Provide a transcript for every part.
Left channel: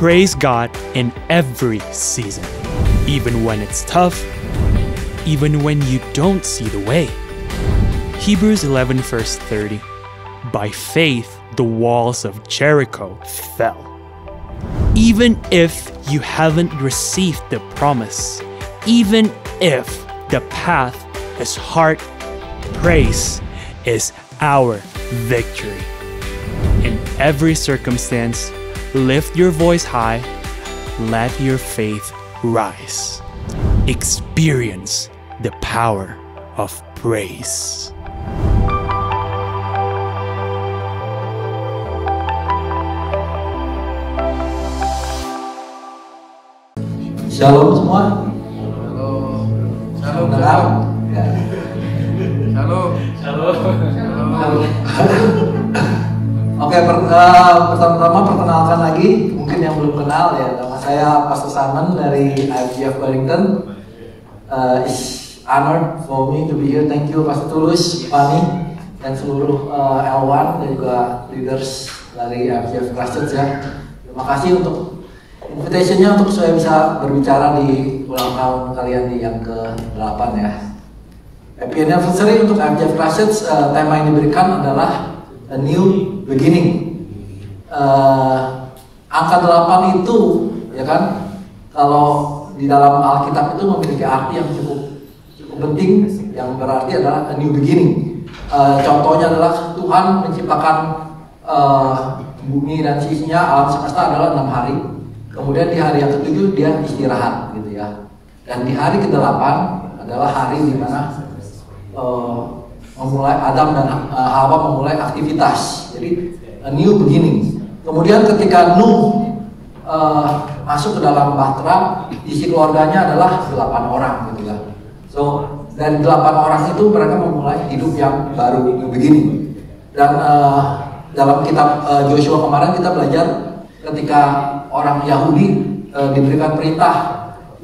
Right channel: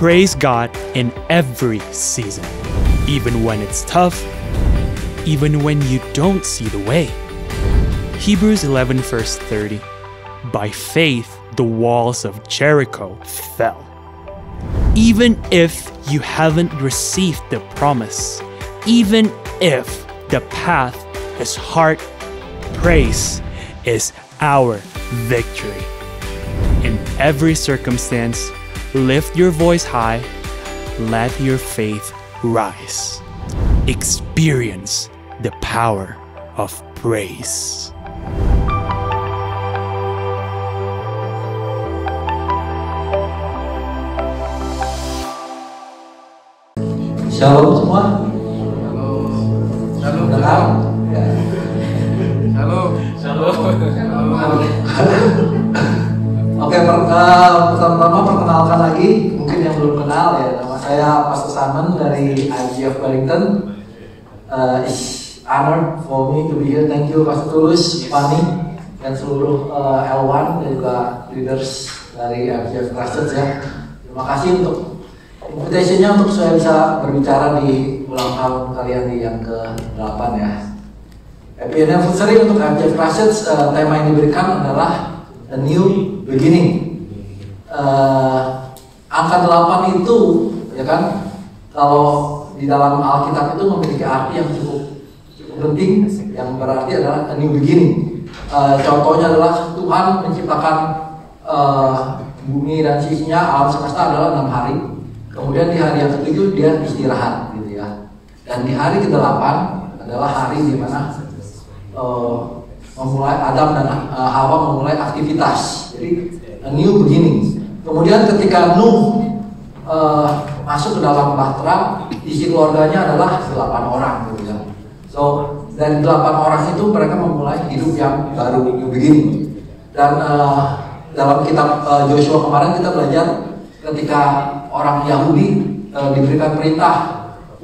praise God in every season, even when it's tough, even when you don't see the way. Hebrews 11 verse 30. By faith, the walls of Jericho fell. Even if you haven't received the promise, even if the path is hard, praise is our victory. In every circumstance, lift your voice high, let your faith rise. Experience the power of praise. Shalom semua. Shalom. Oke, pertama-tama perkenalkan lagi, mungkin yang belum kenal ya, nama saya Pastor Simon dari IGF Wellington. It's honor for me to be here. Thank you Pastor Tulus, Fani, dan seluruh L1 dan juga leaders dari IGF Christchurch ya. Terima kasih untuk invitation-nya untuk saya bisa berbicara di ulang tahun kalian di yang ke-8 ya. Happy anniversary untuk IGF Christchurch. Tema yang diberikan adalah A New Beginning. Angka 8 itu ya kan, kalau di dalam Alkitab itu memiliki arti yang cukup penting, yang berarti adalah a new beginning. Contohnya adalah Tuhan menciptakan bumi dan sisinya, alam semesta adalah 6 hari. Kemudian di hari yang ke-7 dia istirahat gitu ya. Dan di hari ke-8 adalah hari di mana memulai Adam dan Hawa memulai aktivitas. Jadi a new beginning. Kemudian ketika Nuh masuk ke dalam bahtera, isi keluarganya adalah 8 orang gitu kan. So dan 8 orang itu mereka memulai hidup yang baru begini. Dan dalam kitab Joshua kemarin kita belajar ketika orang Yahudi diberikan perintah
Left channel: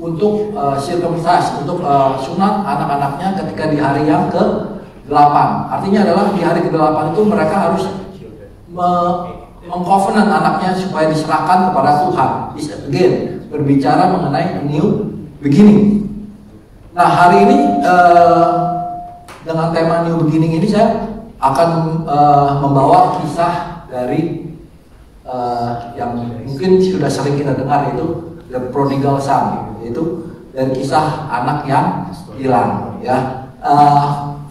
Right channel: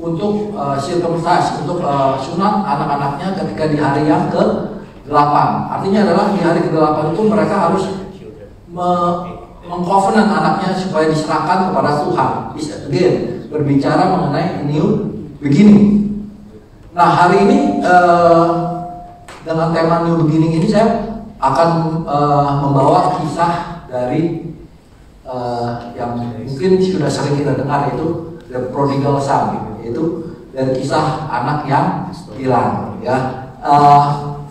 untuk sirkumsisi, untuk sunat anak-anaknya ketika di hari yang ke-8. Artinya adalah di hari ke-8 itu mereka harus mengcovenant anaknya supaya diserahkan kepada Tuhan. Again, berbicara mengenai new beginning. Nah, hari ini dengan tema new beginning ini saya akan membawa kisah dari yang mungkin sudah sering kita dengar, itu The Prodigal Son, yaitu dari kisah anak yang hilang ya.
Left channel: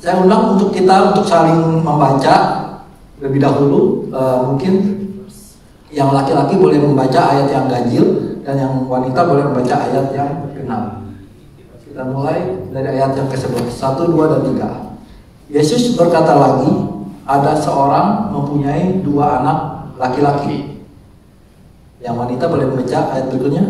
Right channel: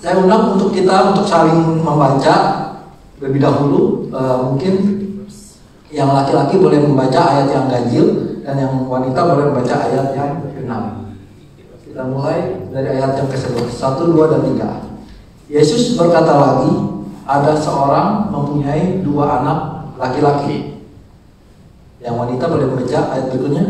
Saya undang untuk kita untuk saling membaca lebih dahulu. Mungkin yang laki-laki boleh membaca ayat yang ganjil dan yang wanita boleh membaca ayat yang genap. Kita mulai dari ayat yang ke-11, 1, 2, dan 3. Yesus berkata lagi, ada seorang mempunyai 2 anak laki-laki. Yang wanita boleh membaca ayat berikutnya.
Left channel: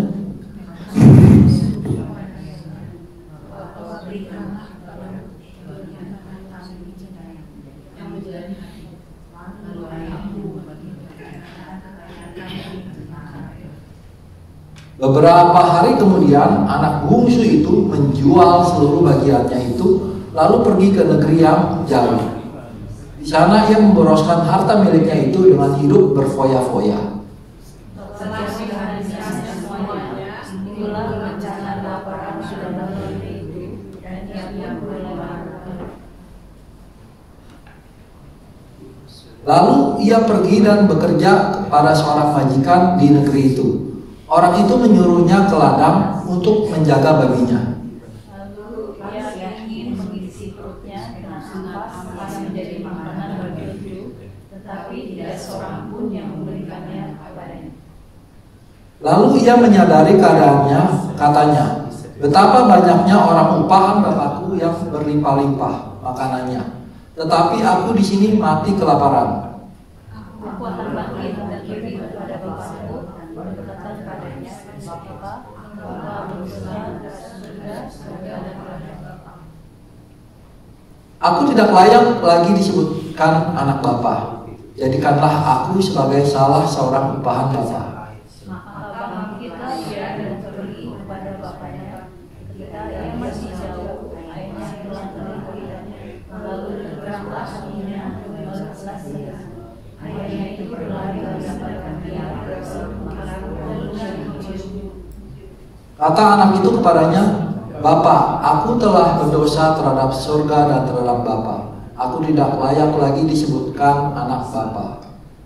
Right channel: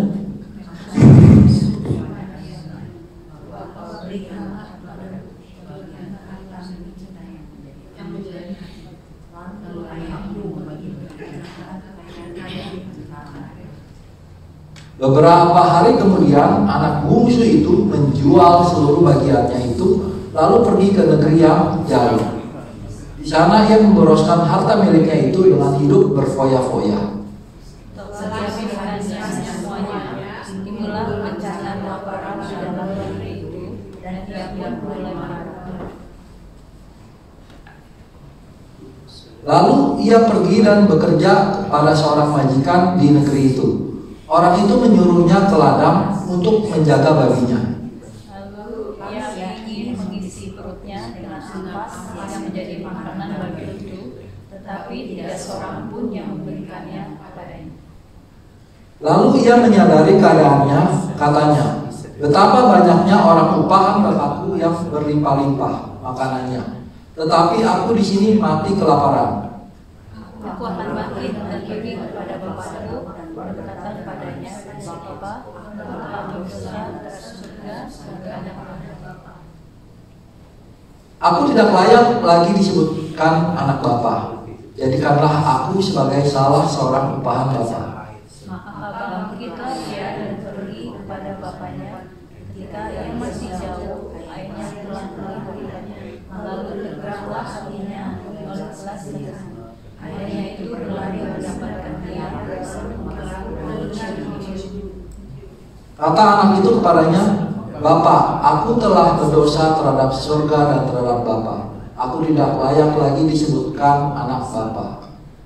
Beberapa hari kemudian anak bungsu itu menjual seluruh bagiannya itu, lalu pergi ke negeri yang jauh. Di sana ia memboroskan harta miliknya itu dengan hidup berfoya-foya. Lalu ia pergi dan bekerja kepada seorang majikan di negeri itu. Orang itu menyuruhnya ke ladang untuk menjaga babinya. Lalu ia ingin mengisi perutnya dengan hangat ampas menjadi makanan bagi itu, tetapi tidak seorang pun yang memberikannya kepadanya. Lalu ia menyadari keadaannya, katanya, betapa banyaknya orang upahan bapakku yang berlimpah-limpah makanannya, tetapi aku di sini mati kelaparan. Aku akan bangkit dan pergi kepada bapakku dan berkata kepadanya, Bapa, aku besar, surga dan kepada Bapa. Aku tidak layak lagi disebutkan anak bapa. Jadikanlah aku sebagai salah seorang upahan bapa. Maka bangkitlah ia dan pergi kepada bapaknya. Ketika ia masih jauh, ayahnya berlari, lalu tergeraklah hatinya membalasnya. Ayahnya itu berlari mendapatkan dia bersama lalu Kata anak itu kepadanya, Bapa, aku telah berdosa terhadap surga dan terhadap Bapa. Aku tidak layak lagi disebutkan anak Bapa.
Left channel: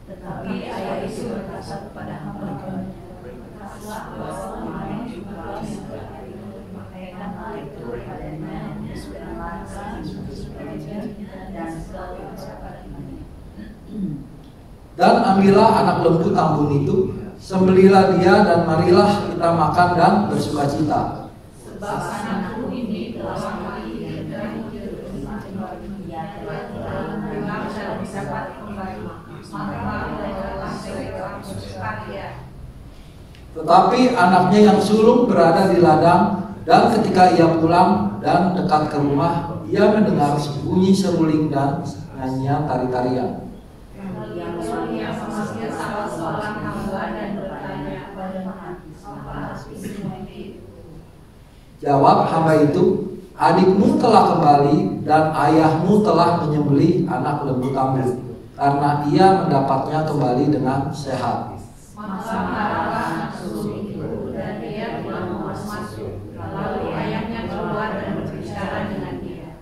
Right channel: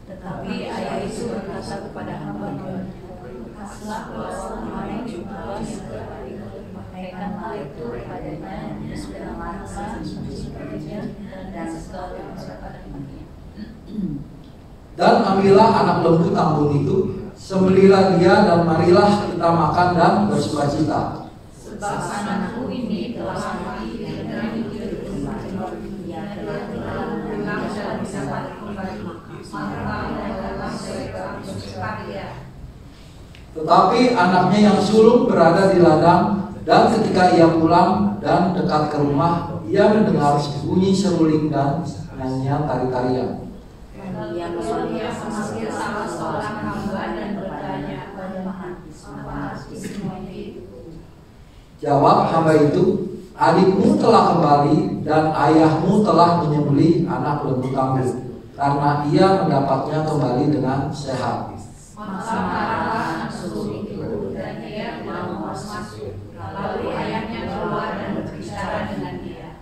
Tetapi ayah itu berkata kepada hamba-Nya, kasihlah kemarin juga pakaikan hal itu kepadanya sesuai dan segala persiapannya. Dan ambillah anak lembu tambun itu, sembelilah dia dan marilah kita makan dan bersukacita. Sebab anakku ini telah mati dan dia telah memang dalam dapat kembali. Maka adalah mereka bersukaria. Tetapi anaknya yang sulung berada di ladang, dan ketika ia pulang dan dekat ke rumah, ia mendengar bunyi seruling dan nyanyian tari-tarian. Yang mulia memanggil salah seorang hamba dan bertanya kepada apa arti semuanya itu. Jawab hamba itu, adikmu telah kembali dan ayahmu telah menyembelih anak lembu tambun, karena ia mendapatnya kembali dengan sehat. Maka marahlah anak sulung itu dan dia tidak mau masuk. Lalu ayahnya keluar dan berbicara dengan dia.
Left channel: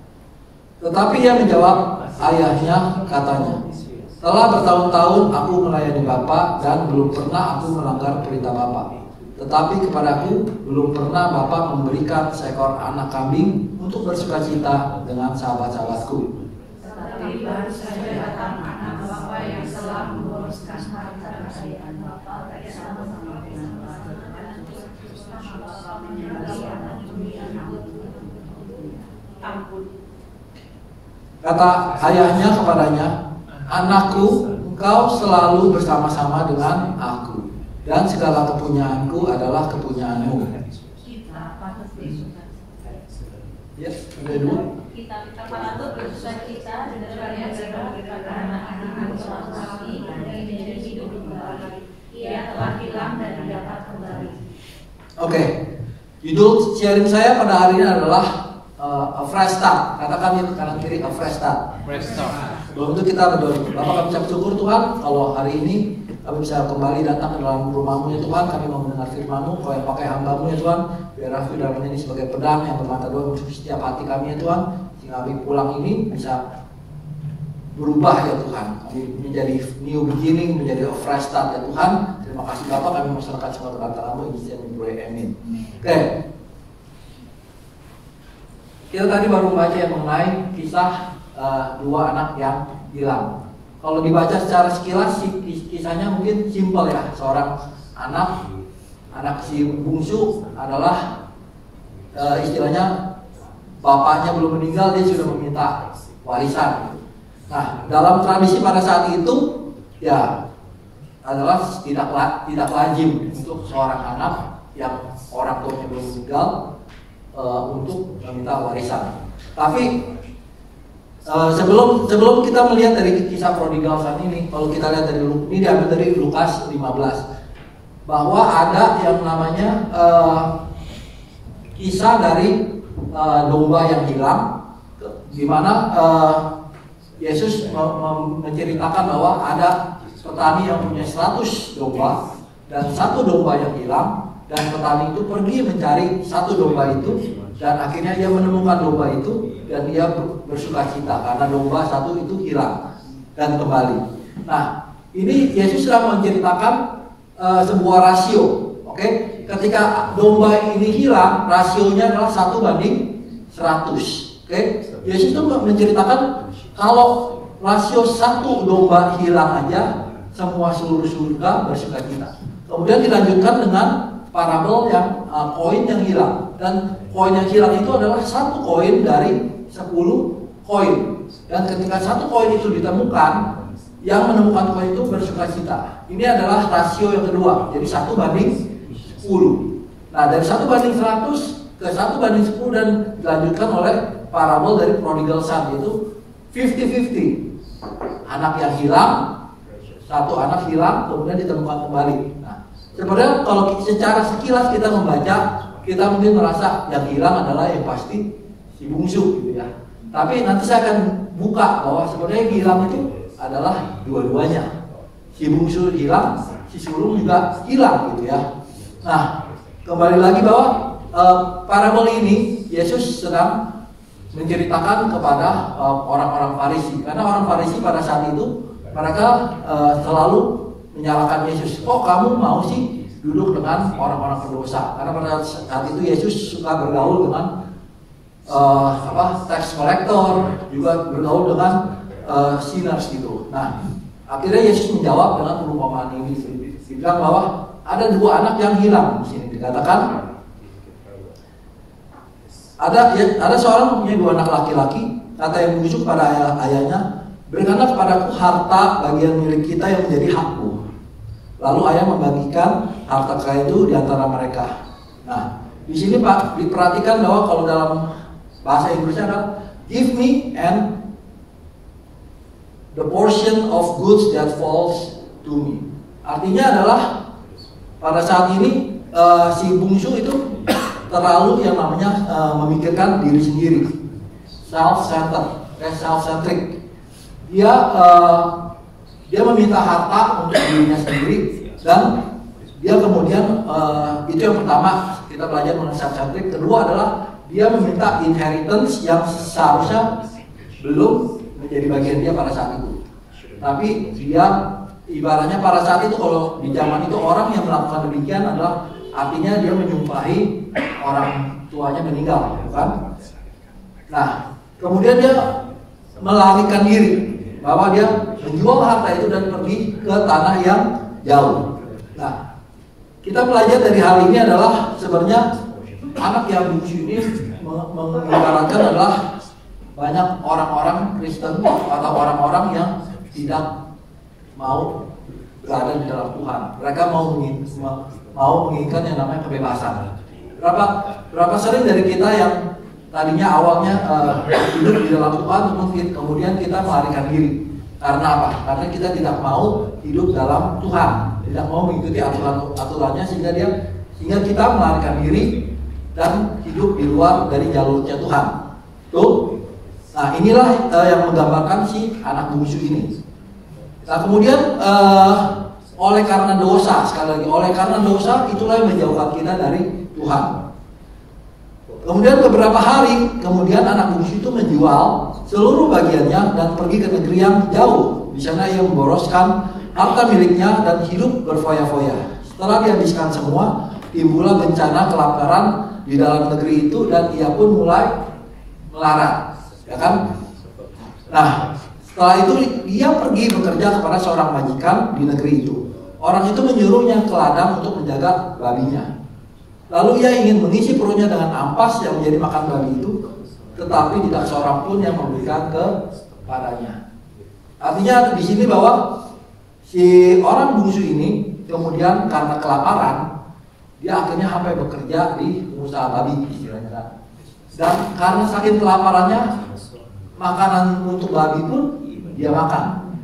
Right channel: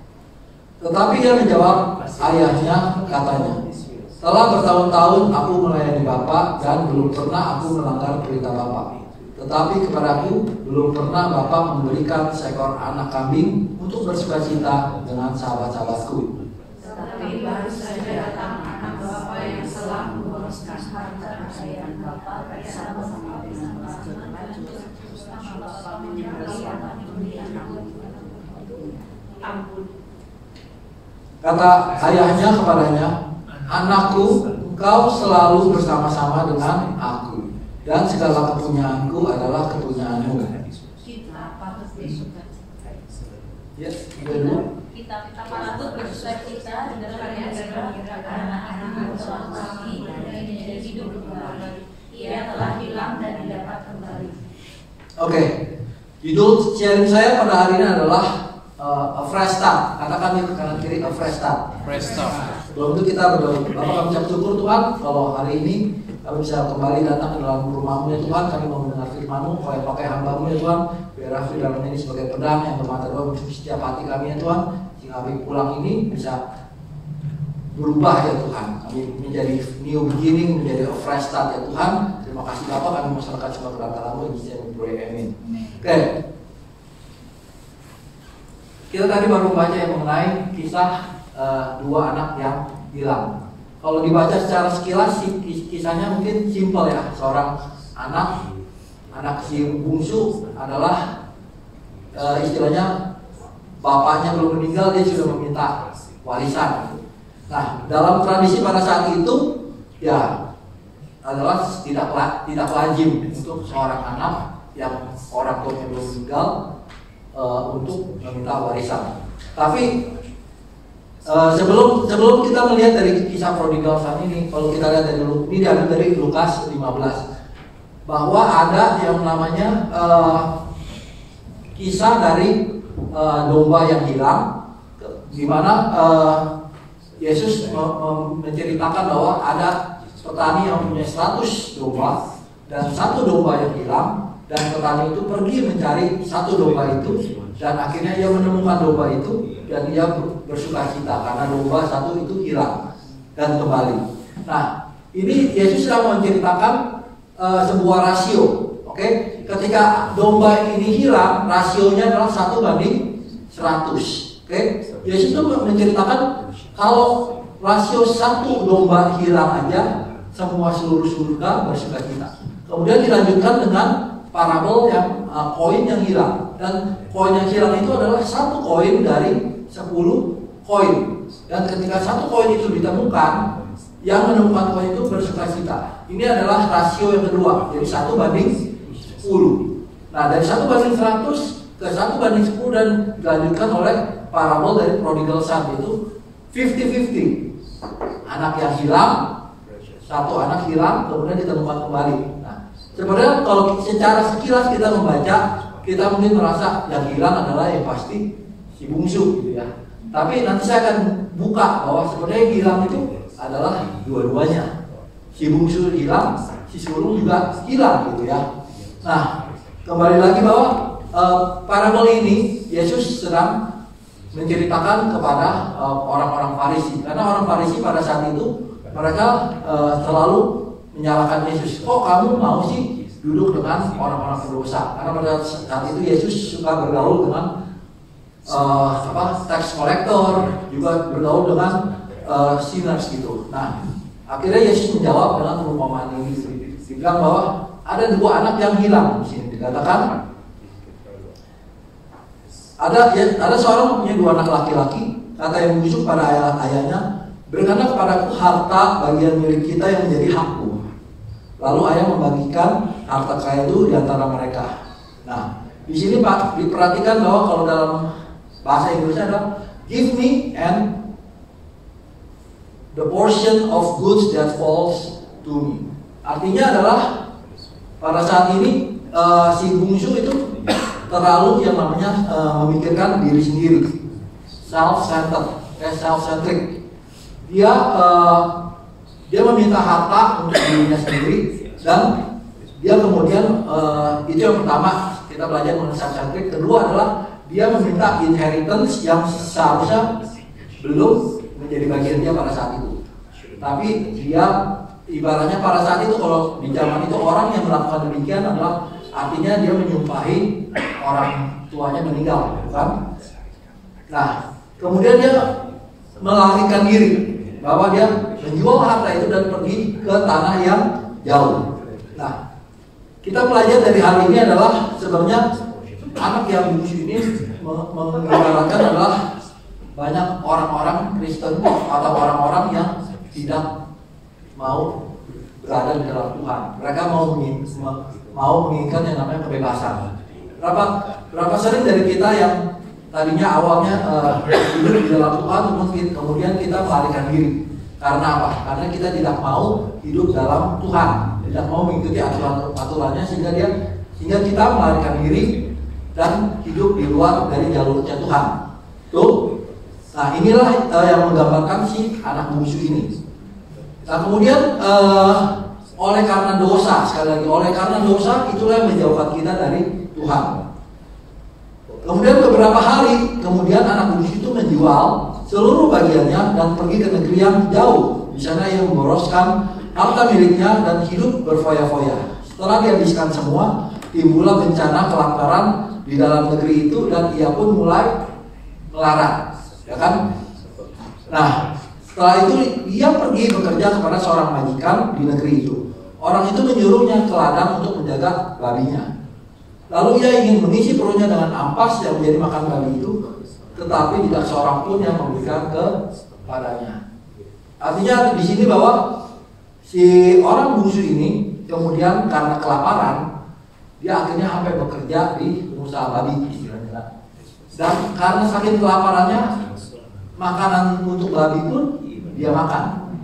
Tetapi ia menjawab ayahnya, katanya, telah bertahun-tahun aku melayani Bapa dan belum pernah aku melanggar perintah Bapa. Tetapi kepadaku belum pernah Bapa memberikan seekor anak kambing untuk bersukacita dengan sahabat-sahabatku. Tetapi baru saja datang anak Bapa yang telah menguruskan harta kekayaan Bapa dari sahabat Kata ayahnya kepadanya, anakku, engkau selalu bersama-sama dengan aku, dan segala kepunyaanku adalah kepunyaanmu. Ya, kita patut bersukacita dengan yang berkata anak suami yang menjadi hidup kembali. Ia telah hilang dan didapat kembali. Oke, judul sharing saya pada hari ini adalah a fresh start. Katakan di kanan kiri, a fresh start. Sebelum itu kita berdoa. Bapak kami ucap syukur Tuhan, kalau hari ini kami bisa kembali datang ke dalam rumah-Mu ya Tuhan. Kami mau mendengar firman-Mu, kau yang pakai hamba-Mu ya Tuhan. Biar firman ini sebagai pedang yang bermata dua di setiap hati kami ya Tuhan. Sehingga kami pulang ini bisa berubah ya Tuhan. Kami menjadi new beginning, menjadi a fresh start ya Tuhan. Terima kasih Bapak, kami mengucapkan semua perkataan-Mu. Bisa berdoa, amin. Oke. Kita tadi baru baca yang mengenai kisah dua anak yang hilang. Kalau dibaca secara sekilas, kisahnya mungkin simpel ya. Seorang anak si bungsu adalah istilahnya bapaknya belum meninggal, dia sudah meminta warisan. Nah, dalam tradisi pada saat itu ya adalah tidak lazim untuk seorang anak yang orang tuanya belum meninggal untuk meminta warisan. Tapi sebelum kita melihat dari kisah prodigal son ini, kalau kita lihat dari ini diambil dari Lukas 15, bahwa ada yang namanya kisah dari domba yang hilang, di mana Yesus menceritakan bahwa ada petani yang punya 100 domba dan satu domba yang hilang. Dan petani itu pergi mencari satu domba itu, dan akhirnya dia menemukan domba itu, dan dia bersukacita karena domba satu itu hilang dan kembali. Nah, ini Yesus sedang menceritakan sebuah rasio. Oke, ketika domba ini hilang, rasionya adalah 1:100. Oke, Yesus itu menceritakan kalau rasio satu domba hilang aja, semua seluruh surga bersukacita. Kemudian dilanjutkan dengan parabel yang koin yang hilang, dan koin yang hilang itu adalah satu koin dari 10 koin, dan ketika satu koin itu ditemukan, yang menemukan koin itu bersukacita. Ini adalah rasio yang kedua, jadi 1:10. Nah, dari 1:100 ke 1:10 dan dilanjutkan oleh parabel dari prodigal son, itu 50-50. Anak yang hilang, satu anak hilang kemudian ditemukan kembali. Sebenarnya kalau secara sekilas kita membaca, kita mungkin merasa yang hilang adalah yang pasti si bungsu gitu ya. Tapi nanti saya akan buka bahwa sebenarnya yang hilang itu adalah dua-duanya. Si bungsu hilang, si sulung juga hilang gitu ya. Nah, kembali lagi bahwa parabel ini Yesus sedang menceritakan kepada orang-orang Farisi, karena orang Farisi pada saat itu mereka selalu menyalahkan Yesus. Kok kamu mau sih duduk dengan orang-orang berdosa? Karena pada saat itu Yesus suka bergaul dengan tax collector, juga bergaul dengan sinners gitu. Nah, akhirnya Yesus menjawab dengan perumpamaan ini. Dibilang bahwa ada dua anak yang hilang di sini. Dikatakan ada seorang punya dua anak laki-laki. Kata yang busuk pada ayahnya, berikanlah kepadaku harta bagian milik kita yang menjadi hakku. Lalu ayah membagikan harta kaya itu di antara mereka. Nah, di sini Pak diperhatikan bahwa kalau dalam bahasa Inggrisnya adalah give me and the portion of goods that falls to me. Artinya adalah pada saat ini si bungsu itu terlalu yang namanya memikirkan diri sendiri, self-centric. Dia meminta harta untuk dirinya sendiri, dan dia kemudian itu yang pertama kita belajar mengenai self-centric. Kedua adalah dia meminta inheritance yang seharusnya belum menjadi bagian dia pada saat itu. Tapi dia ibaratnya pada saat itu, kalau di zaman itu orang yang melakukan demikian adalah artinya dia menyumpahi orang tuanya meninggal, bukan? Nah, kemudian dia melarikan diri, bahwa dia menjual harta itu dan pergi ke tanah yang jauh. Nah, kita belajar dari hal ini adalah sebenarnya anak yang bungsu ini mengibaratkan adalah banyak orang-orang Kristen atau orang-orang yang tidak mau berada di dalam Tuhan. Mereka mau menginginkan yang namanya kebebasan. Berapa sering dari kita yang tadinya awalnya hidup di dalam Tuhan, kemudian kita melarikan diri. Karena apa? Karena kita tidak mau hidup dalam Tuhan, tidak mau mengikuti aturannya, sehingga kita melarikan diri dan hidup di luar dari jalurnya Tuhan. Tuh. Nah, inilah yang menggambarkan si anak bungsu ini. Nah, kemudian oleh karena dosa, sekali lagi, oleh karena dosa itulah yang menjauhkan kita dari Tuhan. Kemudian beberapa hari kemudian anak bungsu itu menjual seluruh bagiannya dan pergi ke negeri yang jauh. Di sana ia memboroskan harta miliknya dan hidup berfoya-foya. Setelah dihabiskan semua, timbullah bencana kelaparan di dalam negeri itu dan ia pun mulai melarat, ya kan? Nah, setelah itu dia pergi bekerja kepada seorang majikan di negeri itu. Orang itu menyuruhnya ke ladang untuk menjaga babinya. Lalu ia ingin mengisi perutnya dengan ampas yang menjadi makan babi itu, tetapi tidak seorang pun yang memberikan kepadanya. Artinya di sini bahwa si orang bungsu ini kemudian karena kelaparan, dia akhirnya sampai bekerja di pengusaha babi istilahnya. Dan karena saking kelaparannya, makanan untuk babi pun dia makan.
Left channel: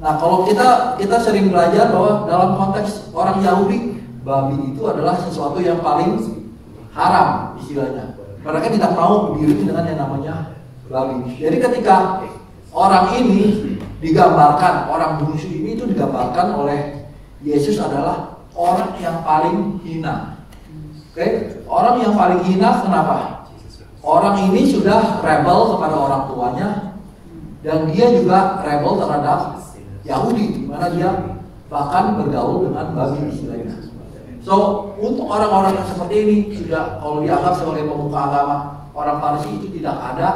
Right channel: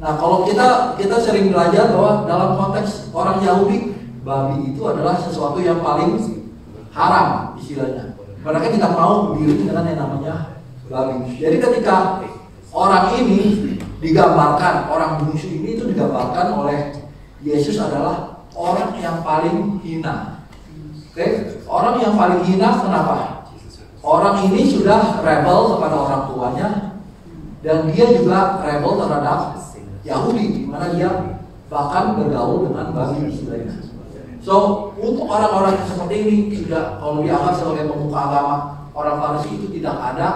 Nah, kalau kita sering belajar bahwa dalam konteks orang Yahudi, babi itu adalah sesuatu yang paling haram istilahnya. Mereka tidak mau berdiri dengan yang namanya babi. Jadi ketika orang ini digambarkan, orang bungsu ini itu digambarkan oleh Yesus adalah orang yang paling hina. Oke? Orang yang paling hina kenapa? Orang ini sudah rebel kepada orang tuanya, dan dia juga rebel terhadap Yahudi, di mana dia bahkan bergaul dengan babi istilahnya. So, untuk orang-orang yang seperti ini sudah, kalau dianggap sebagai pemuka agama orang Farisi, itu tidak ada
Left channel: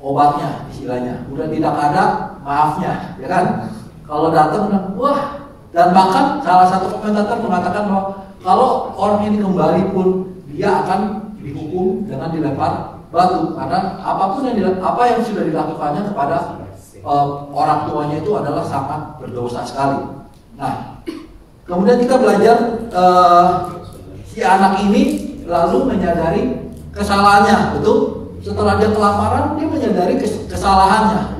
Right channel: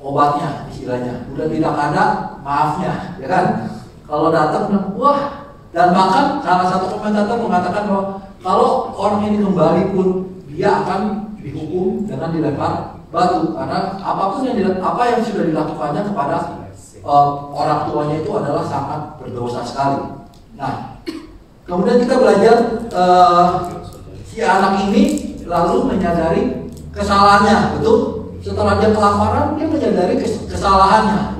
obatnya istilahnya, sudah tidak ada maafnya, ya kan? Kalau datang, wah, dan bahkan salah satu komentator mengatakan bahwa kalau orang ini kembali pun dia akan dihukum dengan dilempar batu, karena apapun apa yang sudah dilakukannya kepada orang tuanya itu adalah sangat berdosa sekali. Nah, kemudian kita belajar si anak ini lalu menyadari kesalahannya, betul? Setelah dia kelaparan, dia menyadari kesalahannya.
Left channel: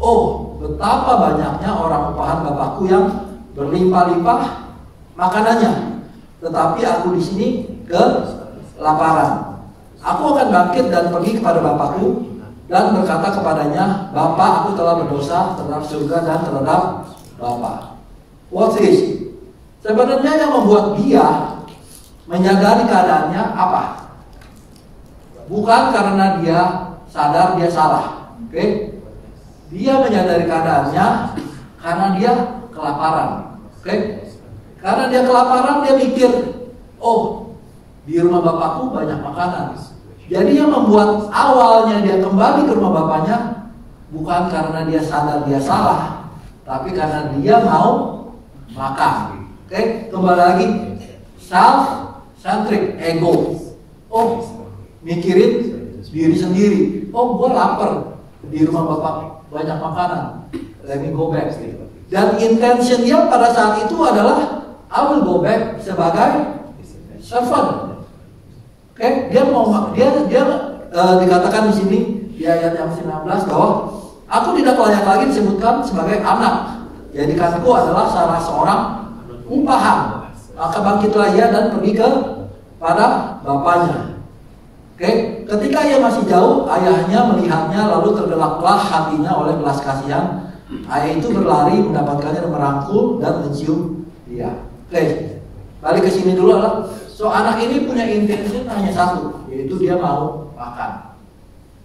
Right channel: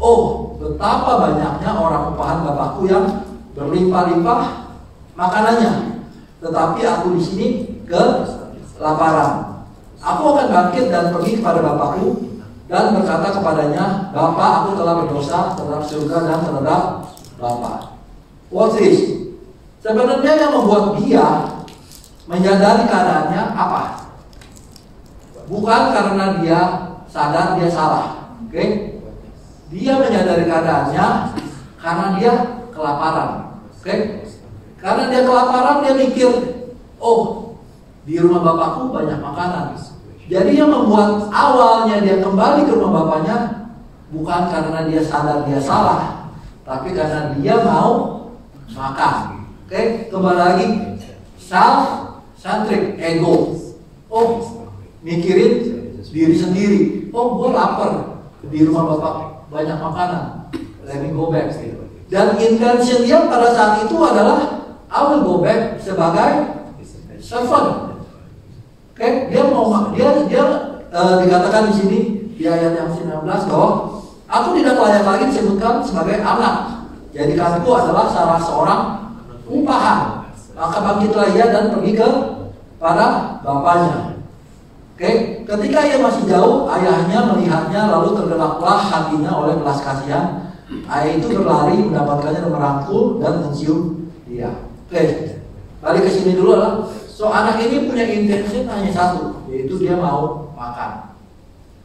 Oh, betapa banyaknya orang upahan bapakku yang berlimpah-limpah makanannya, tetapi aku di sini kelaparan. Aku akan bangkit dan pergi kepada bapakku dan berkata kepadanya, Bapak, aku telah berdosa terhadap surga dan terhadap Bapa. What is? Sebenarnya yang membuat dia menyadari keadaannya apa? Bukan karena dia sadar dia salah, oke? Dia menyadari keadaannya karena dia kelaparan, oke? Karena dia kelaparan, dia mikir, oh, di rumah bapakku banyak makanan. Jadi yang membuat awalnya dia kembali ke rumah bapaknya bukan karena dia sadar dia salah, tapi karena dia mau makan. Oke, kembali lagi, self-centric, ego. Oh, mikirin diri sendiri. Oh, gue lapar, di rumah bapak banyak makanan. Let me go back. Dan intention dia pada saat itu adalah I will go back sebagai servant. Oke, dia dikatakan di sini di ayat yang 19 bahwa aku tidak layak lagi disebutkan sebagai anak. Jadi kamu adalah salah seorang umpahan. Maka bangkitlah ia dan pergi pada bapaknya. Oke, ketika ia masih jauh, ayahnya melihatnya lalu tergeraklah hatinya oleh belas kasihan. Ayah itu berlari mendapatkannya dan merangkul dan mencium dia. Oke, balik ke sini dulu lah. So anak ini punya intention hanya satu, yaitu dia mau makan.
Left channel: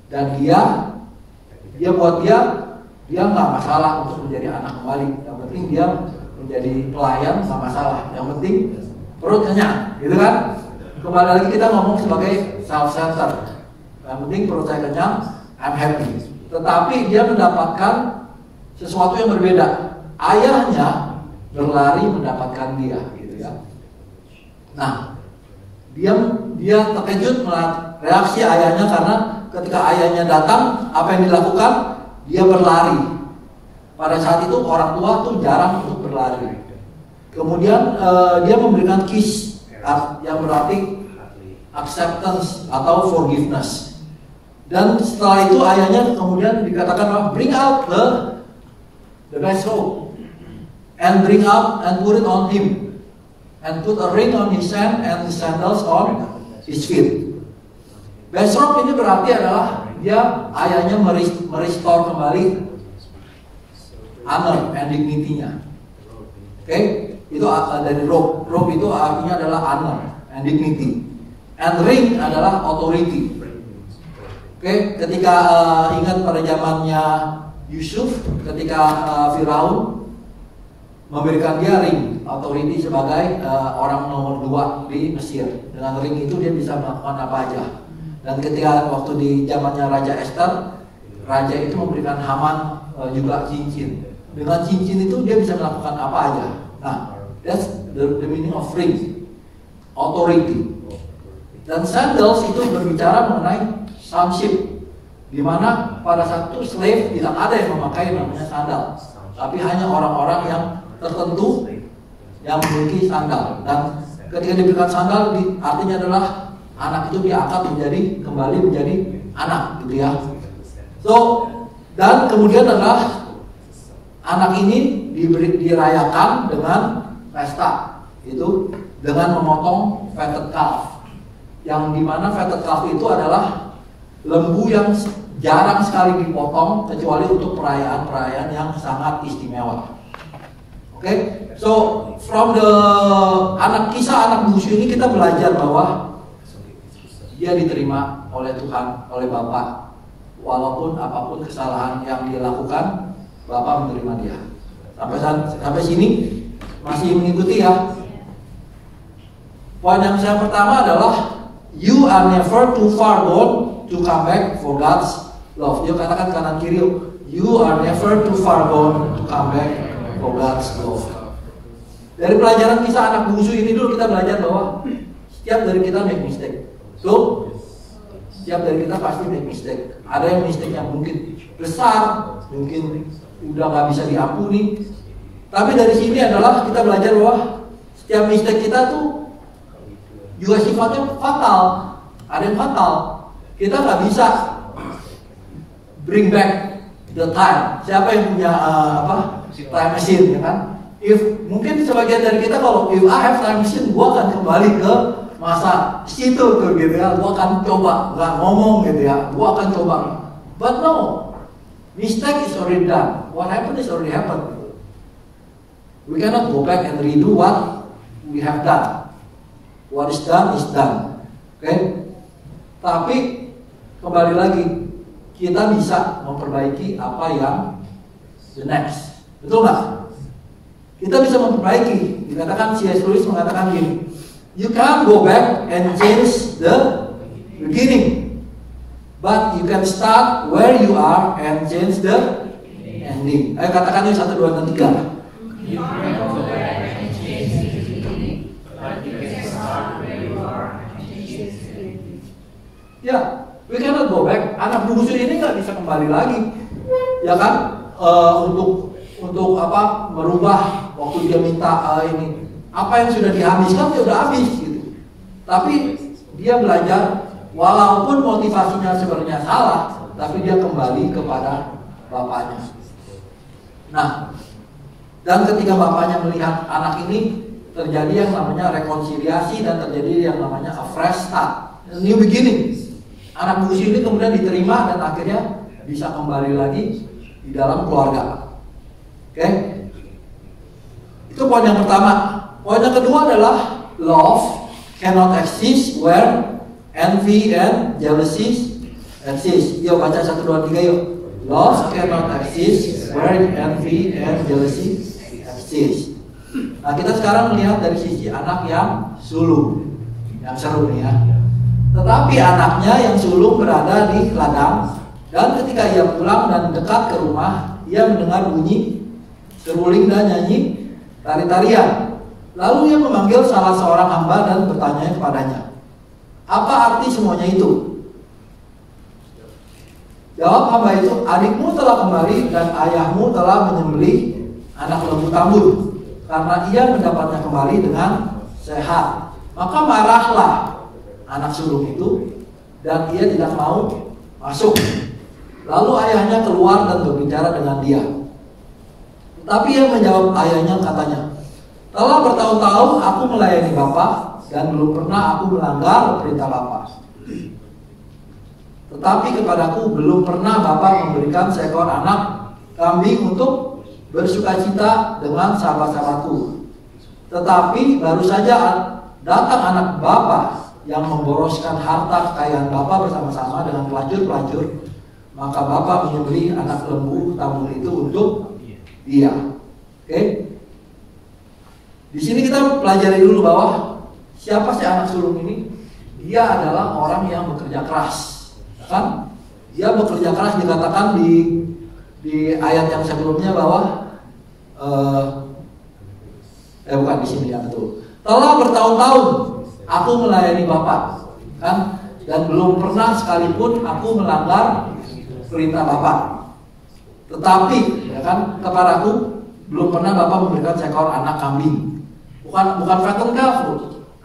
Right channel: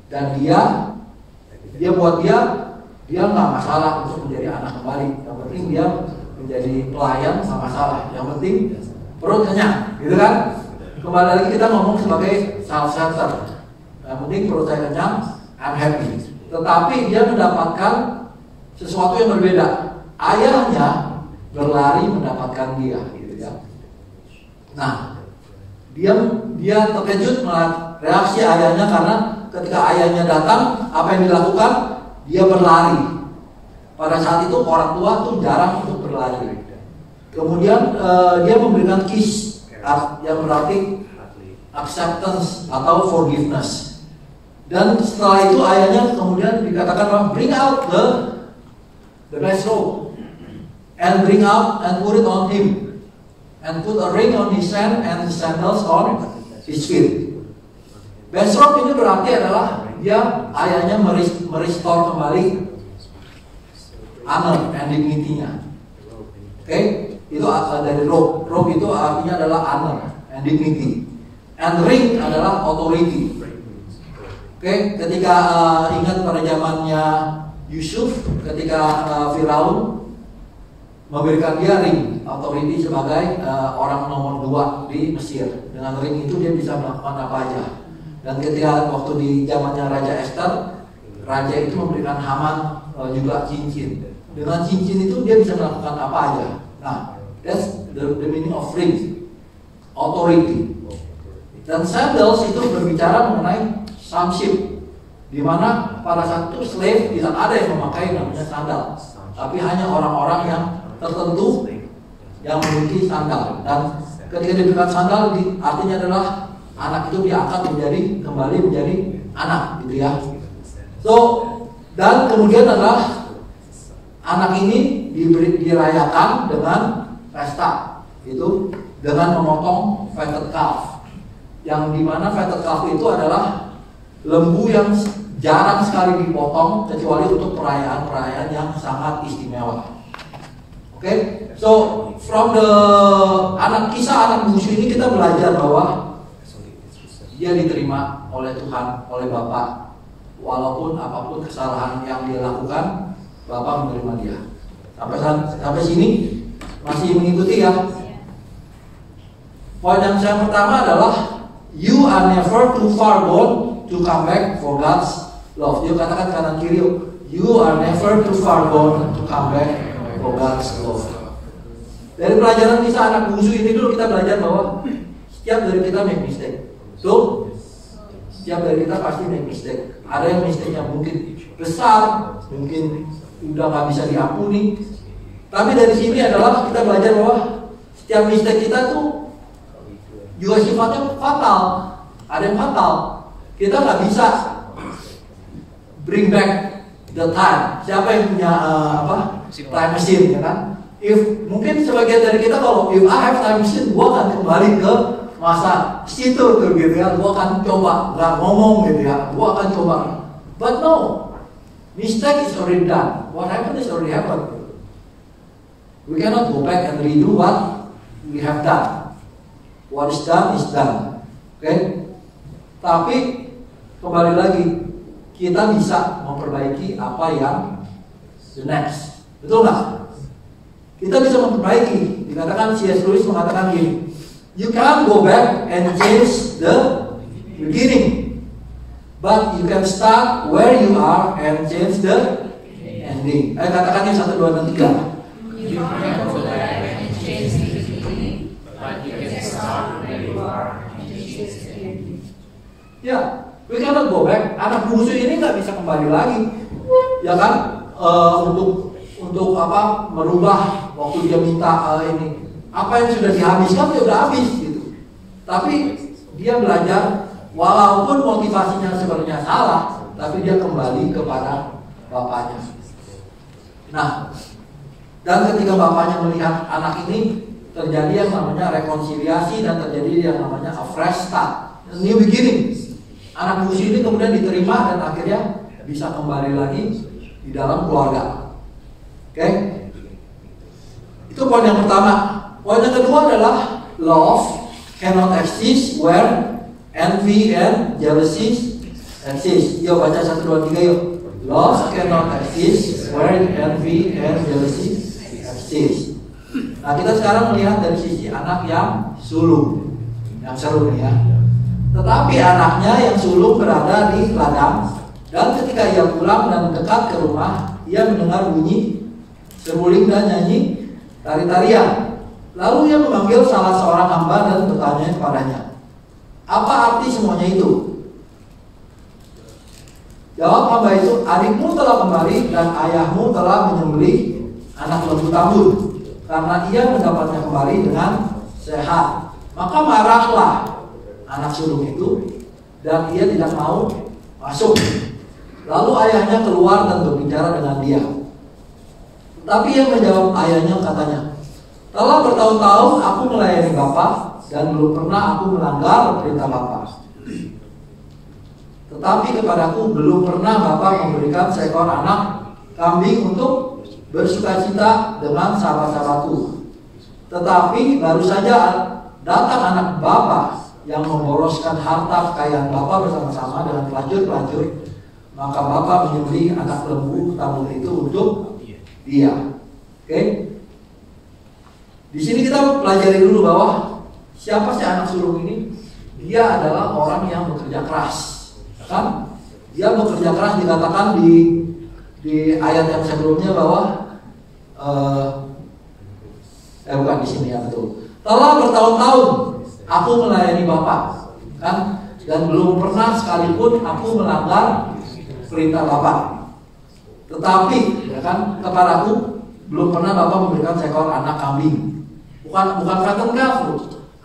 Dan dia buat dia nggak masalah untuk menjadi anak kembali. Yang penting dia menjadi pelayan nggak masalah. Yang penting perut kenyang, gitu kan? Kembali lagi kita ngomong sebagai self-centered. Yang penting perut saya kenyang, I'm happy. Tetapi dia mendapatkan sesuatu yang berbeda. Ayahnya berlari mendapatkan dia, gitu ya. Nah, dia terkejut melihat reaksi ayahnya karena ketika ayahnya datang, apa yang dilakukan? Dia berlari. Pada saat itu orang tua tuh jarang untuk berlari. Kemudian dia memberikan kiss yang berarti acceptance atau forgiveness. Dan setelah itu ayahnya kemudian dikatakan bring out the best robe and bring out and put it on him. And put a ring on his hand and sandals on his feet. Besok ini berarti adalah dia ayahnya merestore kembali honor and dignity-nya. Oke, itu dari robe. Robe itu artinya adalah honor and dignity. And ring adalah authority. Oke, ketika ingat pada zamannya Yusuf, ketika Firaun memberikan dia ring authority sebagai orang nomor 2 di Mesir. Dengan ring itu dia bisa melakukan apa aja. Dan ketika waktu di zamannya Raja Esther, raja itu memberikan Haman juga cincin. Dengan cincin itu dia bisa melakukan apa aja. Nah, that's the meaning of ring, authority. Dan sandals itu berbicara mengenai sonship, di mana pada saat itu slave tidak ada yang memakai namanya sandal, tapi hanya orang-orang yang tertentu yang memiliki sandal. Dan ketika diberikan sandal artinya adalah anak itu diangkat kembali menjadi anak, gitu ya. So, dan kemudian adalah anak ini dirayakan dengan pesta, itu dengan memotong fatted calf, yang dimana fatted calf itu adalah lembu yang jarang sekali dipotong kecuali untuk perayaan-perayaan yang sangat istimewa. Oke, so from the kisah anak bungsu ini kita belajar bahwa dia diterima oleh Tuhan, oleh Bapa, walaupun apapun kesalahan yang dia lakukan, Bapa menerima dia. Sampai sini masih mengikuti ya. Poin yang pertama adalah you are never too far gone to come back for God's love. Dia katakan kanan kiri, you are never too far gone to come back for God's love. Dari pelajaran kisah anak bungsu ini dulu kita belajar bahwa setiap dari kita make mistake. So, setiap dari kita pasti make mistake. Ada yang mistake yang mungkin besar, mungkin udah nggak bisa diampuni. Tapi dari sini adalah kita belajar bahwa setiap mistake kita tuh juga sifatnya fatal. Ada yang fatal. Kita nggak bisa bring back the time. Siapa yang punya time machine, ya kan? Mungkin sebagian dari kita kalau if I have time machine, gua akan kembali ke masa situ tuh, gitu ya. Gua akan coba, nggak ngomong gitu ya. Gua akan coba. But no, mistake is already done. What happened is already happened. We cannot go back and redo what we have done. What is done is done. Oke? Tapi kembali lagi, kita bisa memperbaiki apa yang the next. Betul nggak? Kita bisa memperbaiki. Dikatakan C.S. Lewis mengatakan gini, you can't go back and change the beginning, but you can start where you are and change the ending. Ayo katakan ini 1, 2, dan 3. You can't go back and change the beginning, but you can start where you are and change the ending. Ya, we cannot go back. Anak bungsu ini nggak bisa kembali lagi, ya kan? Untuk apa? Merubah waktu dia minta ini. Apa yang sudah dihabiskan dia sudah habis gitu. Tapi dia belajar, walaupun motivasinya sebenarnya salah, tapi dia kembali kepada bapaknya. Nah, dan ketika bapaknya melihat anak ini, terjadi yang namanya rekonsiliasi dan terjadi yang namanya a fresh start, a new beginning. Anak bungsu ini kemudian diterima dan akhirnya bisa kembali lagi di dalam keluarga. Oke? Itu poin yang pertama. Poin yang kedua adalah love cannot exist where envy and jealousy exist. Yuk baca 1, 2, 3 yuk. Love cannot exist where envy and jealousy exist. Nah, kita sekarang melihat dari sisi anak yang sulung. Yang seru nih ya. Tetapi anaknya yang sulung berada di ladang, dan ketika ia pulang dan dekat ke rumah, ia mendengar bunyi seruling dan nyanyi tari-tarian. Lalu ia memanggil salah seorang hamba dan bertanya kepadanya, apa arti semuanya itu? Jawab hamba itu, adikmu telah kembali dan ayahmu telah menyembelih anak lembu tambun, karena ia mendapatnya kembali dengan sehat. Maka marahlah anak sulung itu, dan ia tidak mau masuk. Lalu ayahnya keluar dan berbicara dengan dia. Tapi ia menjawab ayahnya, katanya, telah bertahun-tahun aku melayani Bapa, dan belum pernah aku melanggar perintah Bapa. Tetapi kepadaku belum pernah Bapa memberikan seekor anak kambing untuk bersukacita dengan sahabat-sahabatku. Tetapi baru saja datang anak Bapa yang memboroskan harta kekayaan Bapa bersama-sama dengan pelacur-pelacur, maka Bapa menyembelih anak lembu tambun itu untuk dia. Oke? Di sini kita pelajari dulu bahwa siapa sih anak sulung ini? Dia adalah orang yang bekerja keras, kan? Dia bekerja keras, dikatakan di ayat yang sebelumnya bahwa bukan di sini ya, betul. Telah bertahun-tahun aku melayani Bapa, kan? Dan belum pernah sekalipun aku melanggar perintah Bapa. Tetapi, ya kan, kepadaku belum pernah Bapa memberikan seekor anak kambing. Bukan fattened calf,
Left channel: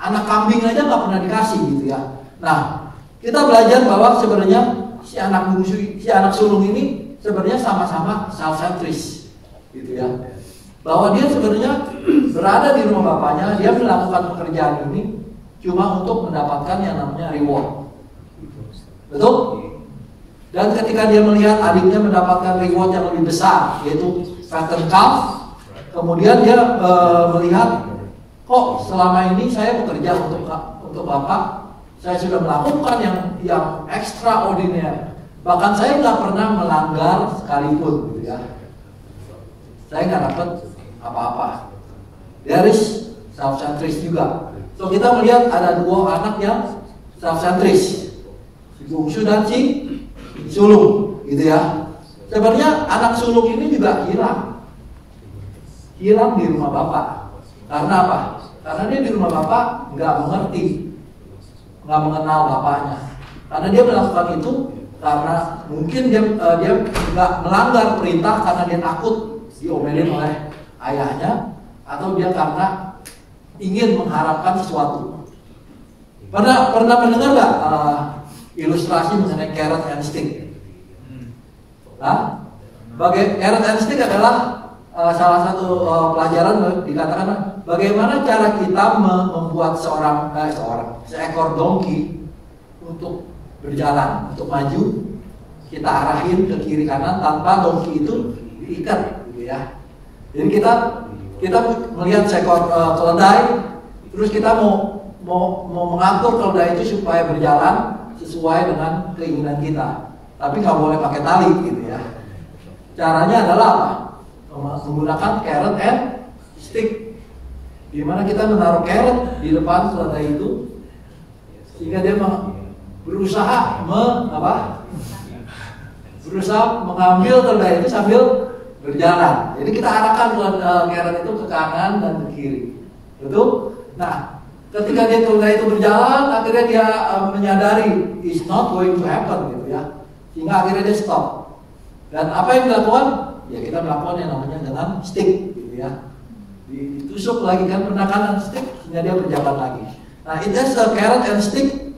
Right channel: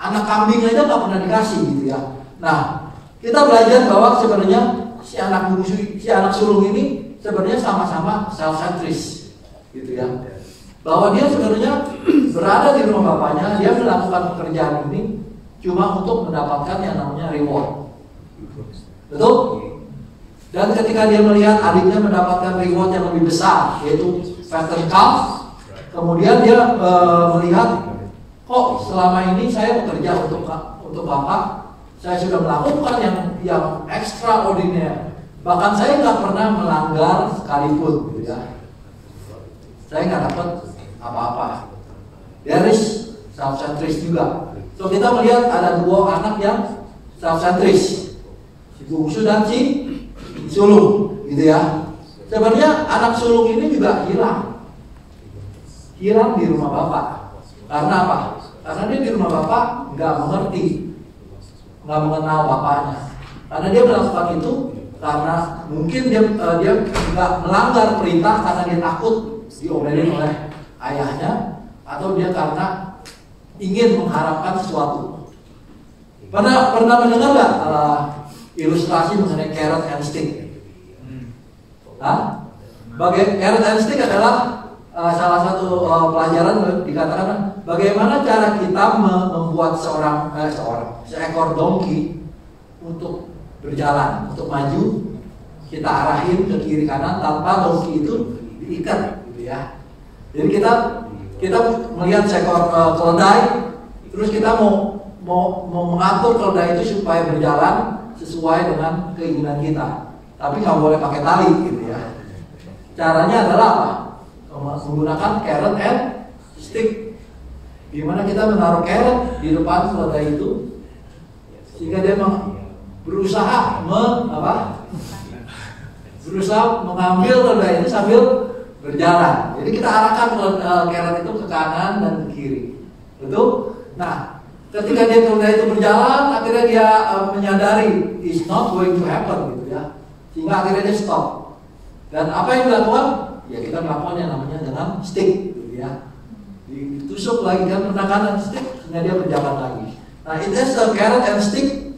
anak kambing aja nggak pernah dikasih gitu ya. Nah, kita belajar bahwa sebenarnya si anak sulung ini sebenarnya sama-sama self-centris, gitu ya. Bahwa dia sebenarnya berada di rumah bapaknya, dia melakukan pekerjaan ini cuma untuk mendapatkan yang namanya reward. Betul? Dan ketika dia melihat adiknya mendapatkan reward yang lebih besar, yaitu fattened calf, kemudian dia melihat, kok selama ini saya bekerja untuk Bapak, saya sudah melakukan yang extraordinary. Bahkan saya nggak pernah melanggar sekalipun, gitu ya. Saya nggak dapat apa-apa. There is self-centris juga. So kita melihat ada dua anak yang self-centris, si bungsu dan si sulung, gitu ya. Sebenarnya anak sulung ini juga hilang di rumah Bapak. Karena apa? Karena dia di rumah Bapak nggak mengerti, nggak mengenal bapaknya. Karena dia melakukan itu karena mungkin dia nggak melanggar perintah karena dia takut diomelin oleh ayahnya, atau dia karena ingin mengharapkan sesuatu. Pernah mendengar nggak ilustrasi mengenai carrot and stick? Carrot and stick adalah salah satu pelajaran, dikatakan bagaimana cara kita membuat seekor donkey untuk berjalan, untuk maju, kita arahin ke kiri kanan tanpa donkey itu diikat, gitu ya. Jadi kita melihat seekor keledai, terus kita mau mau mengatur keledai itu supaya berjalan sesuai dengan keinginan kita, tapi nggak boleh pakai tali gitu ya. Caranya adalah apa? Menggunakan carrot and stick, di mana kita menaruh carrot di depan keledai itu sehingga dia berusaha mengambil keledai itu sambil berjalan. Jadi kita arahkan carrot itu ke kanan dan ke kiri, betul? Nah, ketika dia keledai itu berjalan, akhirnya dia menyadari it's not going to happen gitu ya, sehingga akhirnya dia stop. Dan apa yang dilakukan? Ya kita melakukan yang namanya dengan stick gitu ya, ditusuk lagi kan penekanan stick sehingga dia berjalan lagi. Nah, it is a carrot and stick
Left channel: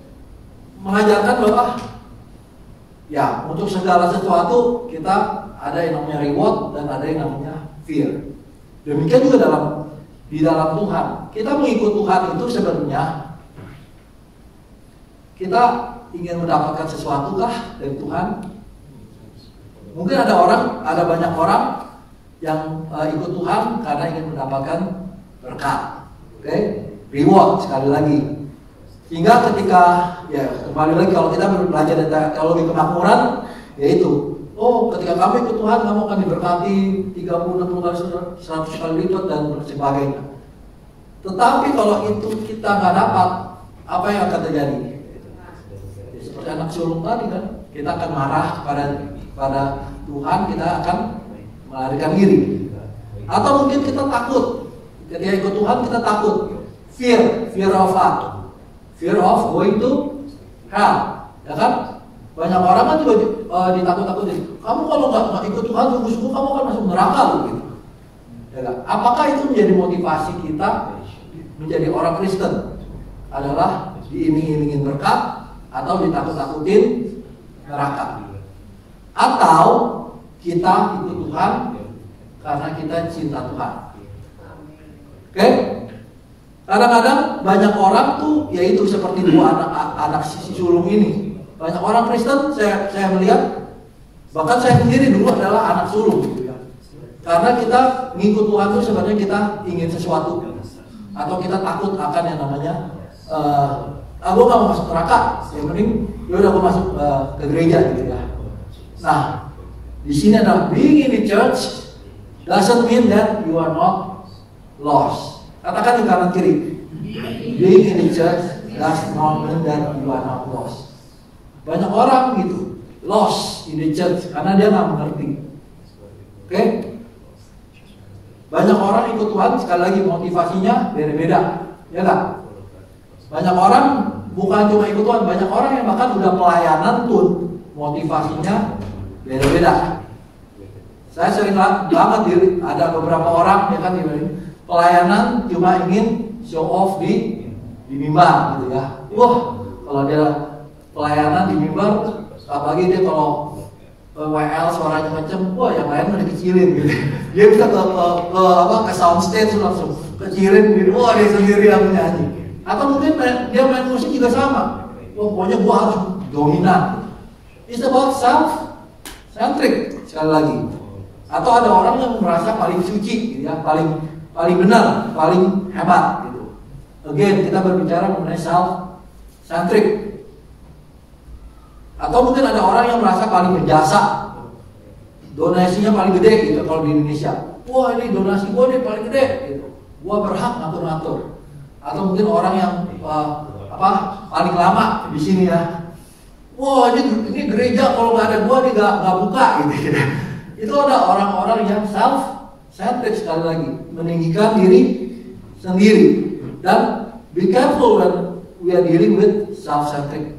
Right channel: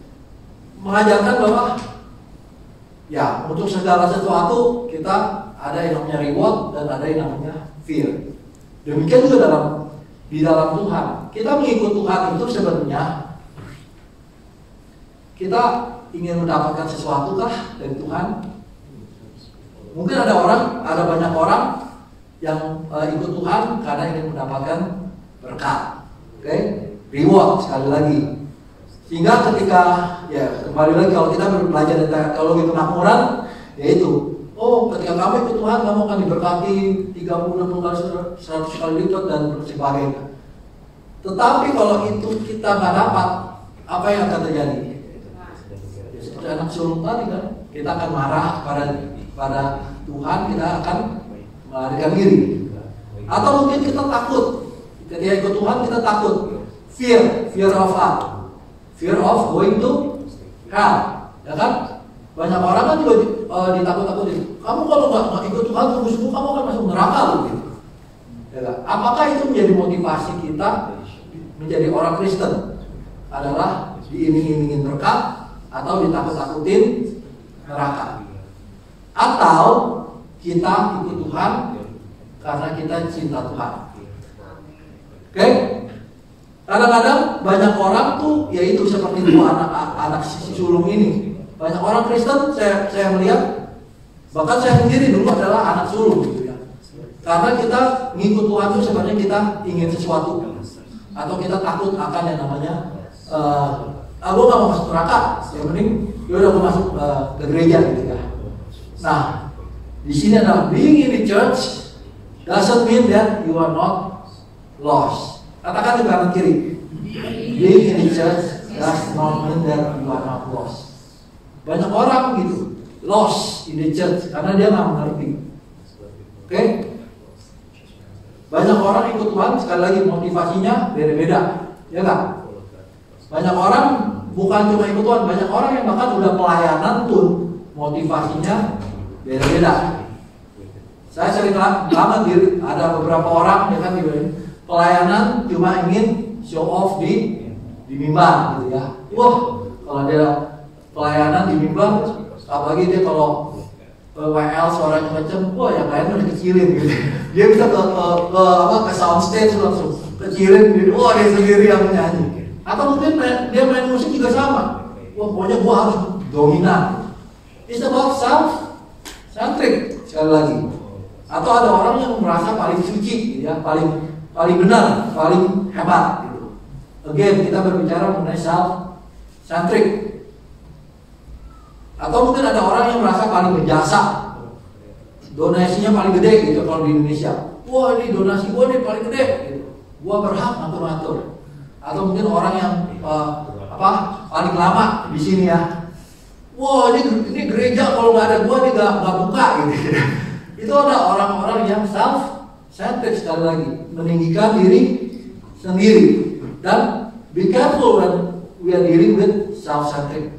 mengajarkan bahwa ya untuk segala sesuatu kita ada yang namanya reward dan ada yang namanya fear. Demikian juga di dalam Tuhan. Kita mengikut Tuhan itu sebenarnya kita ingin mendapatkan sesuatu kah dari Tuhan? Mungkin ada banyak orang yang ikut Tuhan karena ingin mendapatkan berkat, oke? Reward sekali lagi. Sehingga ketika ya kembali lagi kalau kita belajar tentang teologi kemakmuran, yaitu ketika kami ikut Tuhan kamu akan diberkati 30 kali 100 kali lipat dan sebagainya. Tetapi kalau itu kita nggak dapat, apa yang akan terjadi? Ya, seperti anak sulung tadi kan, kita akan marah pada Tuhan, kita akan melarikan diri. Atau mungkin kita takut, ketika ikut Tuhan kita takut, fear of what? Fear of going to hell, ya kan? Banyak orang kan juga ditakut-takutin. Kamu kalau nggak ikut Tuhan sungguh-sungguh kamu akan masuk neraka loh gitu. Ya, apakah itu menjadi motivasi kita menjadi orang Kristen? Adalah diiming-imingin berkat atau ditakut-takutin neraka? Atau kita ikut Tuhan karena kita cinta Tuhan? Oke? Kadang-kadang banyak orang tuh yaitu seperti dua anak si sulung ini. Banyak orang Kristen saya melihat, bahkan saya sendiri dulu adalah anak sulung gitu ya. Karena kita ngikut Tuhan itu sebenarnya kita ingin sesuatu, atau kita takut akan yang namanya gue gak mau masuk neraka, yang penting yaudah gue masuk ke gereja gitu ya. Nah, di sini adalah being in the church doesn't mean that you are not lost. Katakan di kanan kiri, being in the church does not mean that you are not lost. Banyak orang gitu lost in the church karena dia nggak mengerti. Oke? Banyak orang ikut Tuhan, sekali lagi motivasinya beda-beda, ya kan? Banyak orang bukan cuma ikut Tuhan, banyak orang yang bahkan udah pelayanan pun motivasinya beda-beda. Saya sering banget ada beberapa orang ya kan pelayanan cuma ingin show off di mimbar gitu ya. Wah, kalau dia pelayanan di mimbar, apalagi dia kalau WL suaranya macam, wah yang lain udah kecilin gitu. Dia bisa ke soundstage langsung kecilin gitu. Wah dia sendiri yang menyanyi. Atau mungkin dia main musik juga sama. Wah pokoknya gua harus dominan. It's about self-centric sekali lagi. Atau ada orang yang merasa paling suci gitu ya, paling benar, paling hebat gitu. Again kita berbicara mengenai self-centric. Atau mungkin ada orang yang merasa paling berjasa, donasinya paling gede gitu kalau di Indonesia. Wah ini donasi gua nih paling gede gitu. Gua berhak ngatur-ngatur. Atau mungkin orang yang paling lama di sini ya. Wah ini gereja kalau nggak ada gua nih nggak buka gitu. Itu ada orang-orang yang self-centered sekali lagi, meninggikan diri sendiri. Dan be careful when we are dealing with self-centered.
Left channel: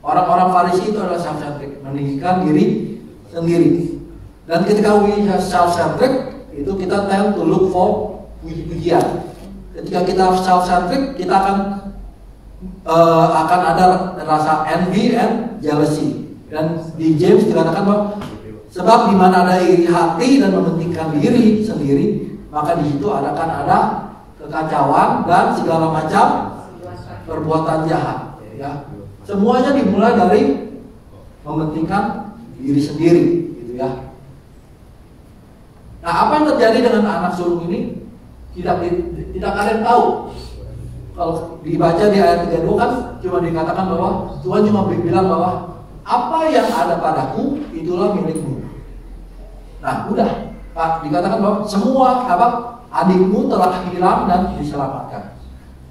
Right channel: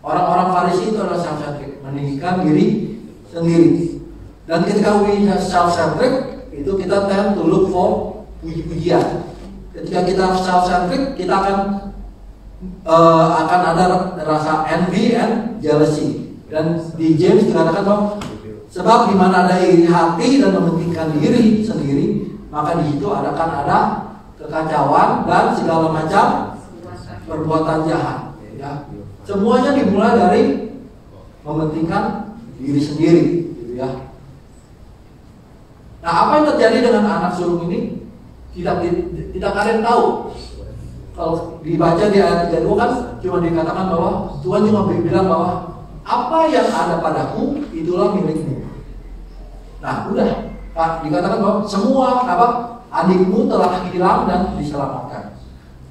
Orang-orang Farisi itu adalah self-centered, meninggikan diri sendiri. Dan ketika we self-centered, itu kita tend to look for puji-pujian. Ketika kita self-centered, kita akan ada rasa envy and jealousy. Dan di James dikatakan bahwa sebab di mana ada iri hati dan mementingkan diri sendiri, maka di situ akan ada kekacauan dan segala macam perbuatan jahat. Ya. Semuanya dimulai dari mementingkan diri sendiri, gitu ya. Nah, apa yang terjadi dengan anak sulung ini tidak ada yang tahu. kalau dibaca di ayat 32 kan cuma dikatakan bahwa Tuhan cuma bilang bahwa apa yang ada padaku itulah milikmu. Nah, udah Pak, dikatakan bahwa semua adikmu telah hilang dan diselamatkan.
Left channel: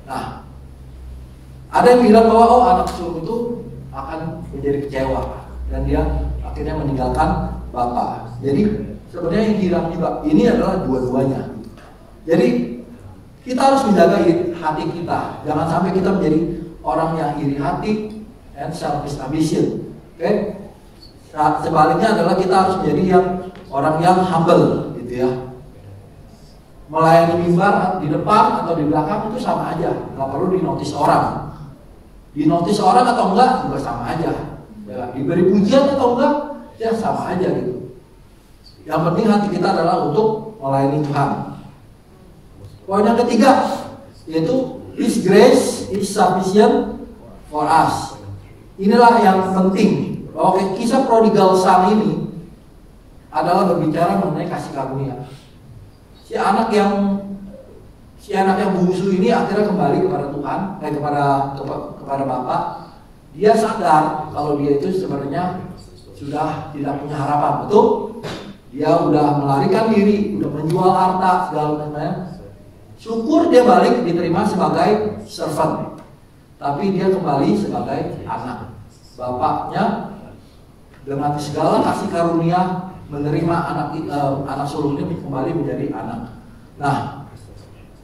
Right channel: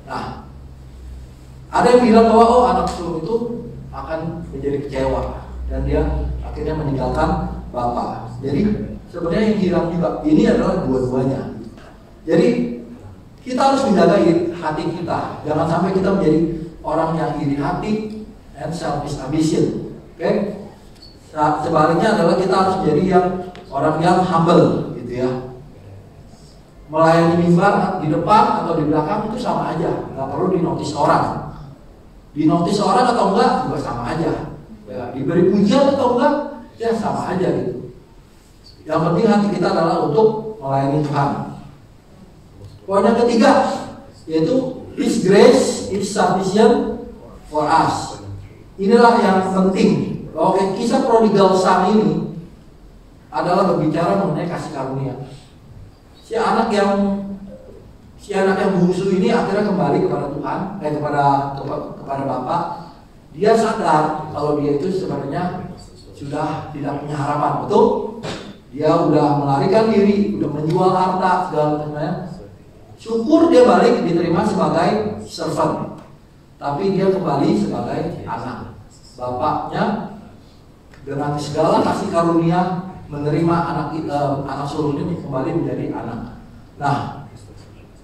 Nah, ada yang bilang bahwa anak sulung itu akan menjadi kecewa dan dia akhirnya meninggalkan bapak. Jadi sebenarnya yang hilang juga ini adalah dua-duanya. Jadi kita harus menjaga hati kita, jangan sampai kita menjadi orang yang iri hati and selfish ambition. Oke? Nah, sebaliknya adalah kita harus menjadi orang yang humble, gitu ya. Melayani mimbar di depan atau di belakang itu sama aja, nggak perlu dinotis orang. Dinotis orang atau enggak juga sama aja. Ya, diberi pujian atau enggak, ya sama aja gitu. Yang penting hati kita adalah untuk melayani Tuhan. Poin yang ketiga yaitu His grace is sufficient for us. Inilah yang penting, bahwa kisah prodigal son ini adalah berbicara mengenai kasih karunia. Si anak yang bungsu ini akhirnya kembali kepada Tuhan, kepada Bapa. Dia sadar kalau dia itu sebenarnya sudah tidak punya harapan, betul? Dia udah melarikan diri, udah menjual harta segala macamnya. Syukur dia balik diterima sebagai servant, tapi dia kembali sebagai anak. Bapaknya dengan segala kasih karunia menerima anak sulung ini kembali menjadi anak. Nah,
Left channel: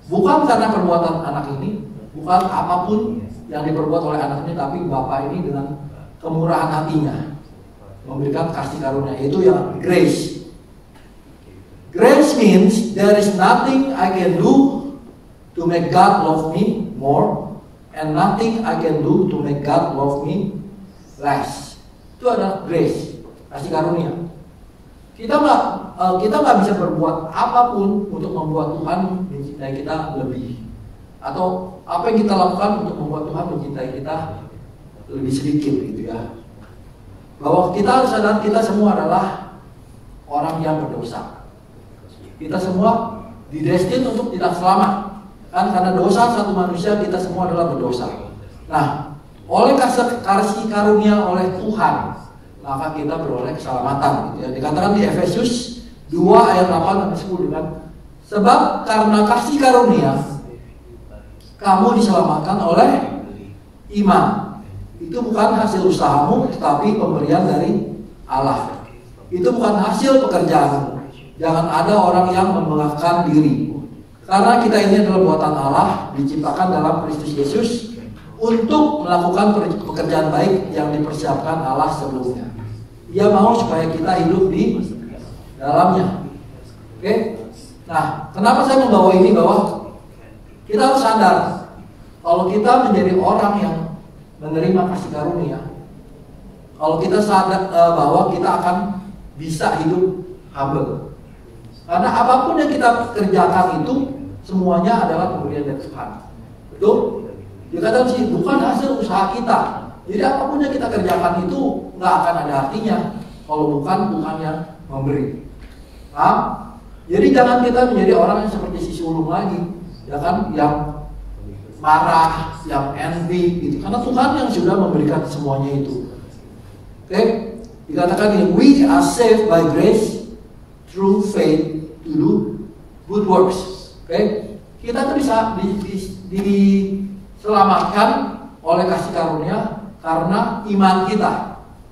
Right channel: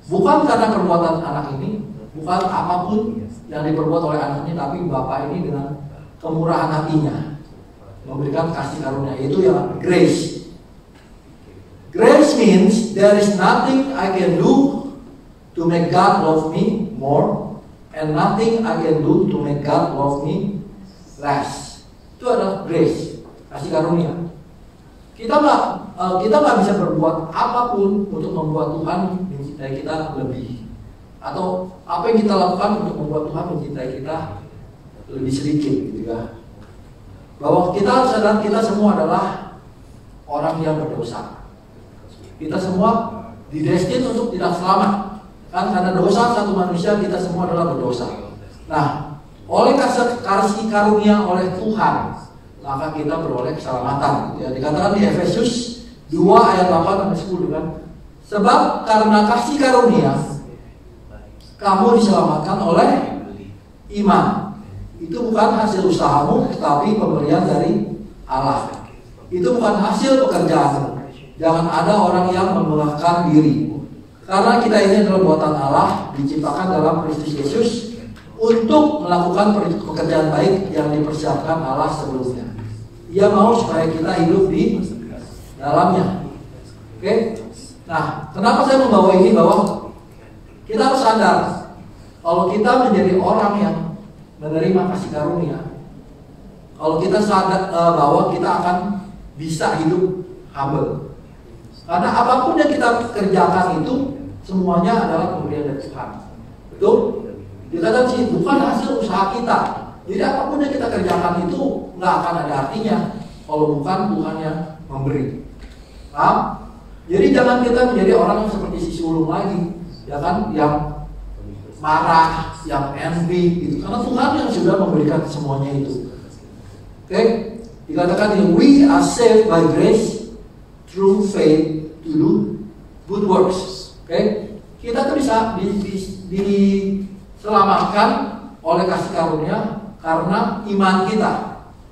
bukan karena perbuatan anak ini, bukan apapun yang diperbuat oleh anak ini, tapi bapak ini dengan kemurahan hatinya memberikan kasih karunia, itu yang grace. Grace means there is nothing I can do to make God love me more, and nothing I can do to make God love me less. Itu adalah grace, kasih karunia. Kita nggak bisa berbuat apapun untuk membuat Tuhan mencintai kita lebih, atau apa yang kita lakukan untuk membuat Tuhan mencintai kita lebih sedikit, gitu ya. Bahwa kita sadar kita semua adalah orang yang berdosa. Kita semua didestin untuk tidak selamat, kan karena dosa satu manusia, kita semua adalah berdosa. Nah, oleh kasih karunia oleh Tuhan, maka kita beroleh keselamatan, gitu ya. Dikatakan di Efesus 2 ayat 8 sampai 10 kan, sebab karena kasih karunia kamu diselamatkan oleh iman. Itu bukan hasil usahamu, tetapi pemberian dari Allah. Itu bukan hasil pekerjaan. Jangan ada orang yang membanggakan diri, karena kita ini adalah buatan Allah, diciptakan dalam Kristus Yesus untuk melakukan pekerjaan baik yang dipersiapkan Allah sebelumnya. Dia mau supaya kita hidup di dalamnya. Oke? Nah, kenapa saya membawa ini? Bahwa kita harus sadar kalau kita menjadi orang yang menerima kasih karunia, kalau kita sadar bahwa kita akan bisa hidup humble. Karena apapun yang kita kerjakan itu semuanya adalah pemberian dari Tuhan. Betul? Dikatakan sih bukan hasil usaha kita. Jadi apapun yang kita kerjakan itu nggak akan ada artinya kalau bukan Tuhan yang memberi. Nah, jadi jangan kita menjadi orang yang seperti si sulung lagi, ya kan, yang marah, yang envy, gitu. Karena Tuhan yang sudah memberikan semuanya itu. Oke? Dikatakan we are saved by grace through faith to do good works. Oke? Kita tuh bisa diselamatkan oleh kasih karunia karena iman kita.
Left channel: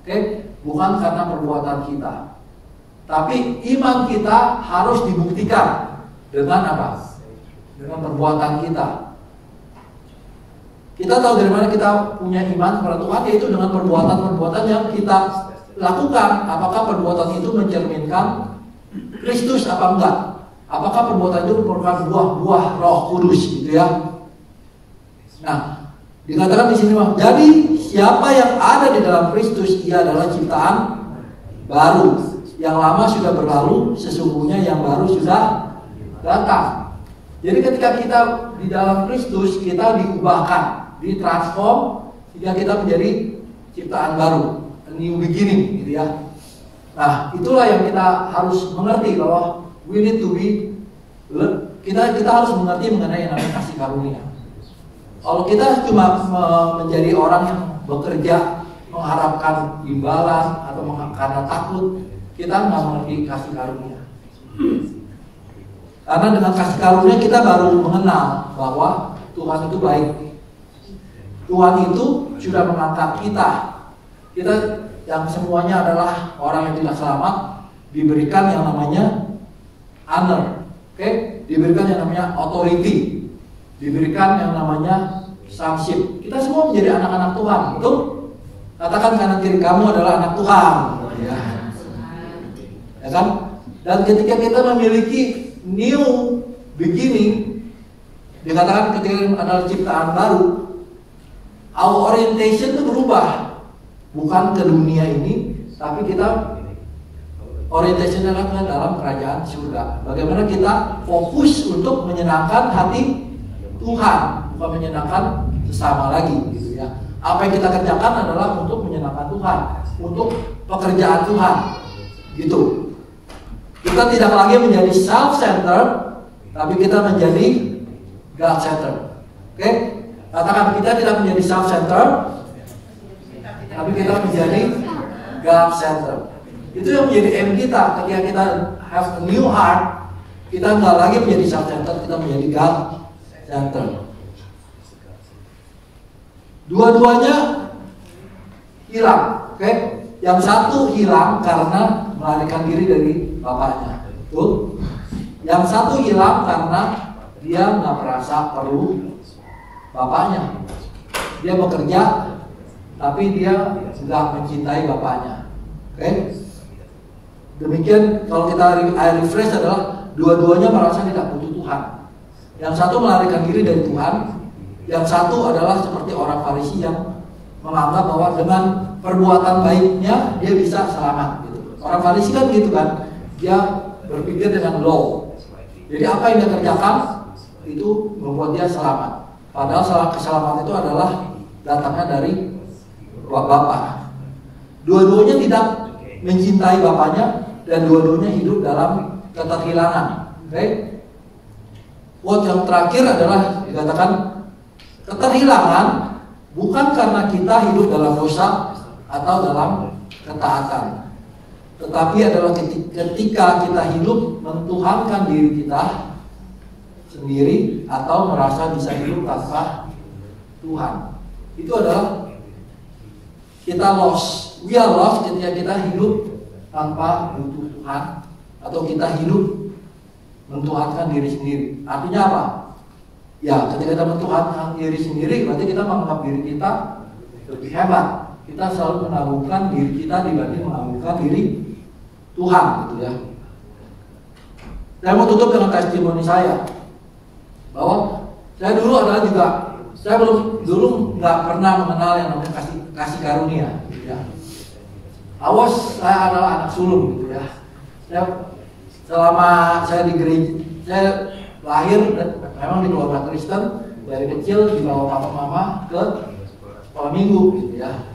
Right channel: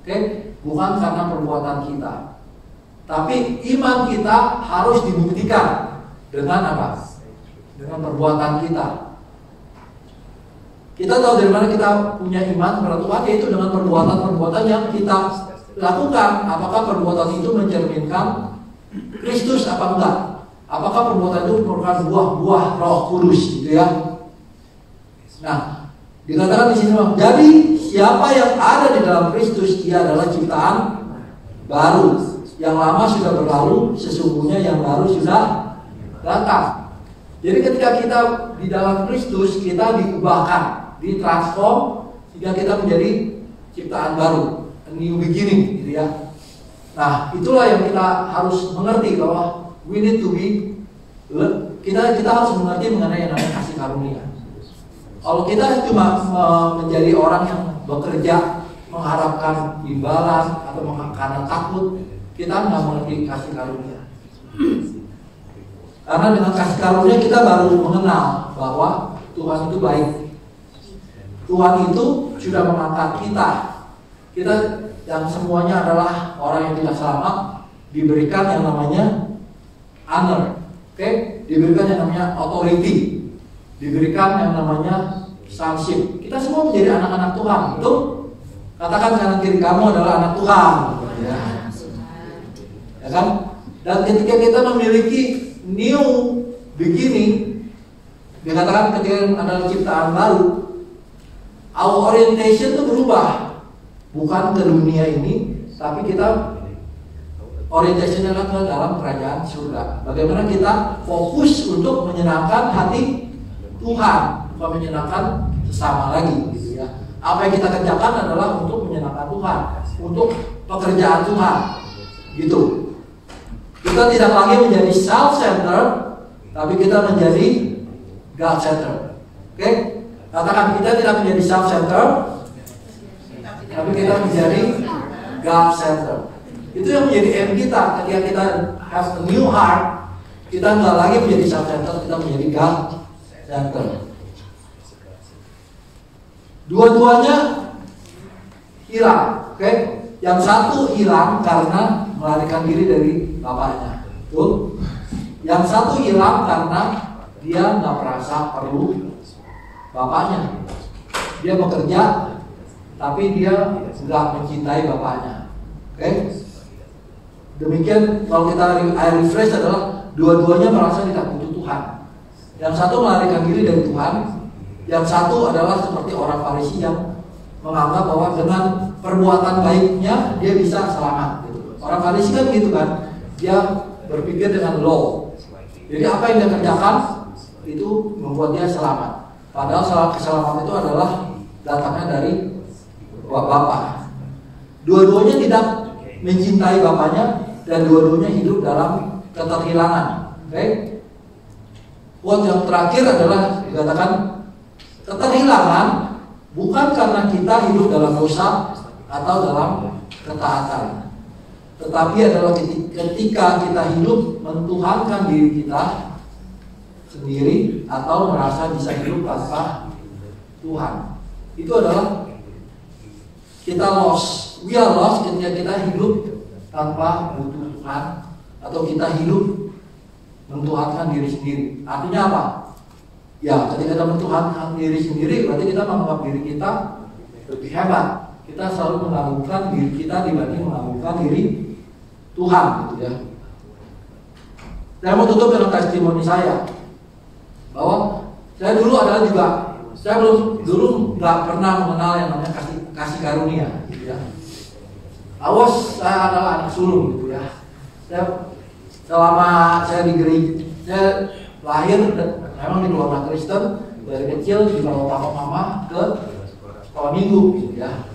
Oke? Bukan karena perbuatan kita. Tapi iman kita harus dibuktikan dengan apa? Dengan perbuatan kita. Kita tahu dari mana kita punya iman kepada Tuhan, yaitu dengan perbuatan-perbuatan yang kita lakukan. Apakah perbuatan itu mencerminkan Kristus apa enggak? Apakah perbuatan itu merupakan buah-buah Roh Kudus, gitu ya? Nah, dikatakan di sini, jadi siapa yang ada di dalam Kristus, ia adalah ciptaan baru. Yang lama sudah berlalu, sesungguhnya yang baru sudah datang. Jadi ketika kita di dalam Kristus, kita diubahkan, ditransform, sehingga kita menjadi ciptaan baru, a new beginning, gitu ya. Nah, itulah yang kita harus mengerti, bahwa we need to be, kita harus mengerti mengenai yang namanya kasih karunia. Kalau kita cuma menjadi orang yang bekerja mengharapkan imbalan atau karena takut, kita nggak mengerti kasih karunia. Karena dengan kasih karunia kita baru mengenal bahwa Tuhan itu baik. Tuhan itu sudah mengangkat kita. Kita yang semuanya adalah orang yang tidak selamat diberikan yang namanya honor, diberikan yang namanya authority, diberikan yang namanya sonship. Kita semua menjadi anak-anak Tuhan. Betul? Katakan kanan kiri kamu adalah anak Tuhan. Ya kan? Dan ketika kita memiliki new beginning, dikatakan ketika adalah ciptaan baru, our orientation itu berubah. Bukan ke dunia ini, tapi kita orientation adalah ke dalam kerajaan surga. Bagaimana kita fokus untuk menyenangkan hati Tuhan, bukan menyenangkan sesama lagi, gitu ya. Apa yang kita kerjakan adalah untuk menyenangkan Tuhan, untuk pekerjaan Tuhan, gitu. Kita tidak lagi menjadi self-centered, tapi kita menjadi God-centered. Oke? Katakan, kita tidak menjadi self-centered, tapi kita menjadi God-centered. Itu yang menjadi aim kita. Ketika kita have a new heart, kita nggak lagi menjadi self-centered, kita menjadi God-centered. Dua-duanya hilang. Oke? Yang satu hilang karena melarikan diri dari bapaknya. Betul? Yang satu hilang karena dia nggak merasa perlu bapaknya. Dia bekerja, tapi dia nggak mencintai bapaknya. Oke? Demikian kalau kita refresh adalah dua-duanya merasa tidak butuh Tuhan. Yang satu melarikan diri dari Tuhan, yang satu adalah seperti orang Farisi yang menganggap bahwa dengan perbuatan baiknya dia bisa selamat. Orang Farisi kan gitu kan, dia berpikir dengan law. Jadi apa yang dia kerjakan itu membuat dia selamat. Padahal keselamatan itu adalah datangnya dari Bapa. Dua-duanya tidak mencintai bapaknya dan dua-duanya hidup dalam keterhilangan. Oke? Quote yang terakhir adalah dikatakan keterhilangan bukan karena kita hidup dalam dosa atau dalam ketaatan, tetapi adalah ketika kita hidup mentuhankan diri kita sendiri atau merasa bisa hidup tanpa Tuhan. Itu adalah kita lost. We are lost ketika kita hidup tanpa butuh Tuhan, atau kita hidup mentuhankan diri sendiri. Artinya apa? Ya, ketika kita mentuhankan diri sendiri, berarti kita menganggap diri kita lebih hebat. Kita selalu menagungkan diri kita dibanding menagungkan diri Tuhan, gitu ya. Saya mau tutup dengan testimoni saya bahwa saya dulu adalah juga, saya dulu nggak pernah mengenal yang namanya kasih karunia, gitu ya. Awas, saya adalah anak sulung, gitu ya. Saya selama saya di gereja, saya lahir dan memang di keluarga Kristen, dari kecil dibawa papa mama ke sekolah minggu, gitu ya.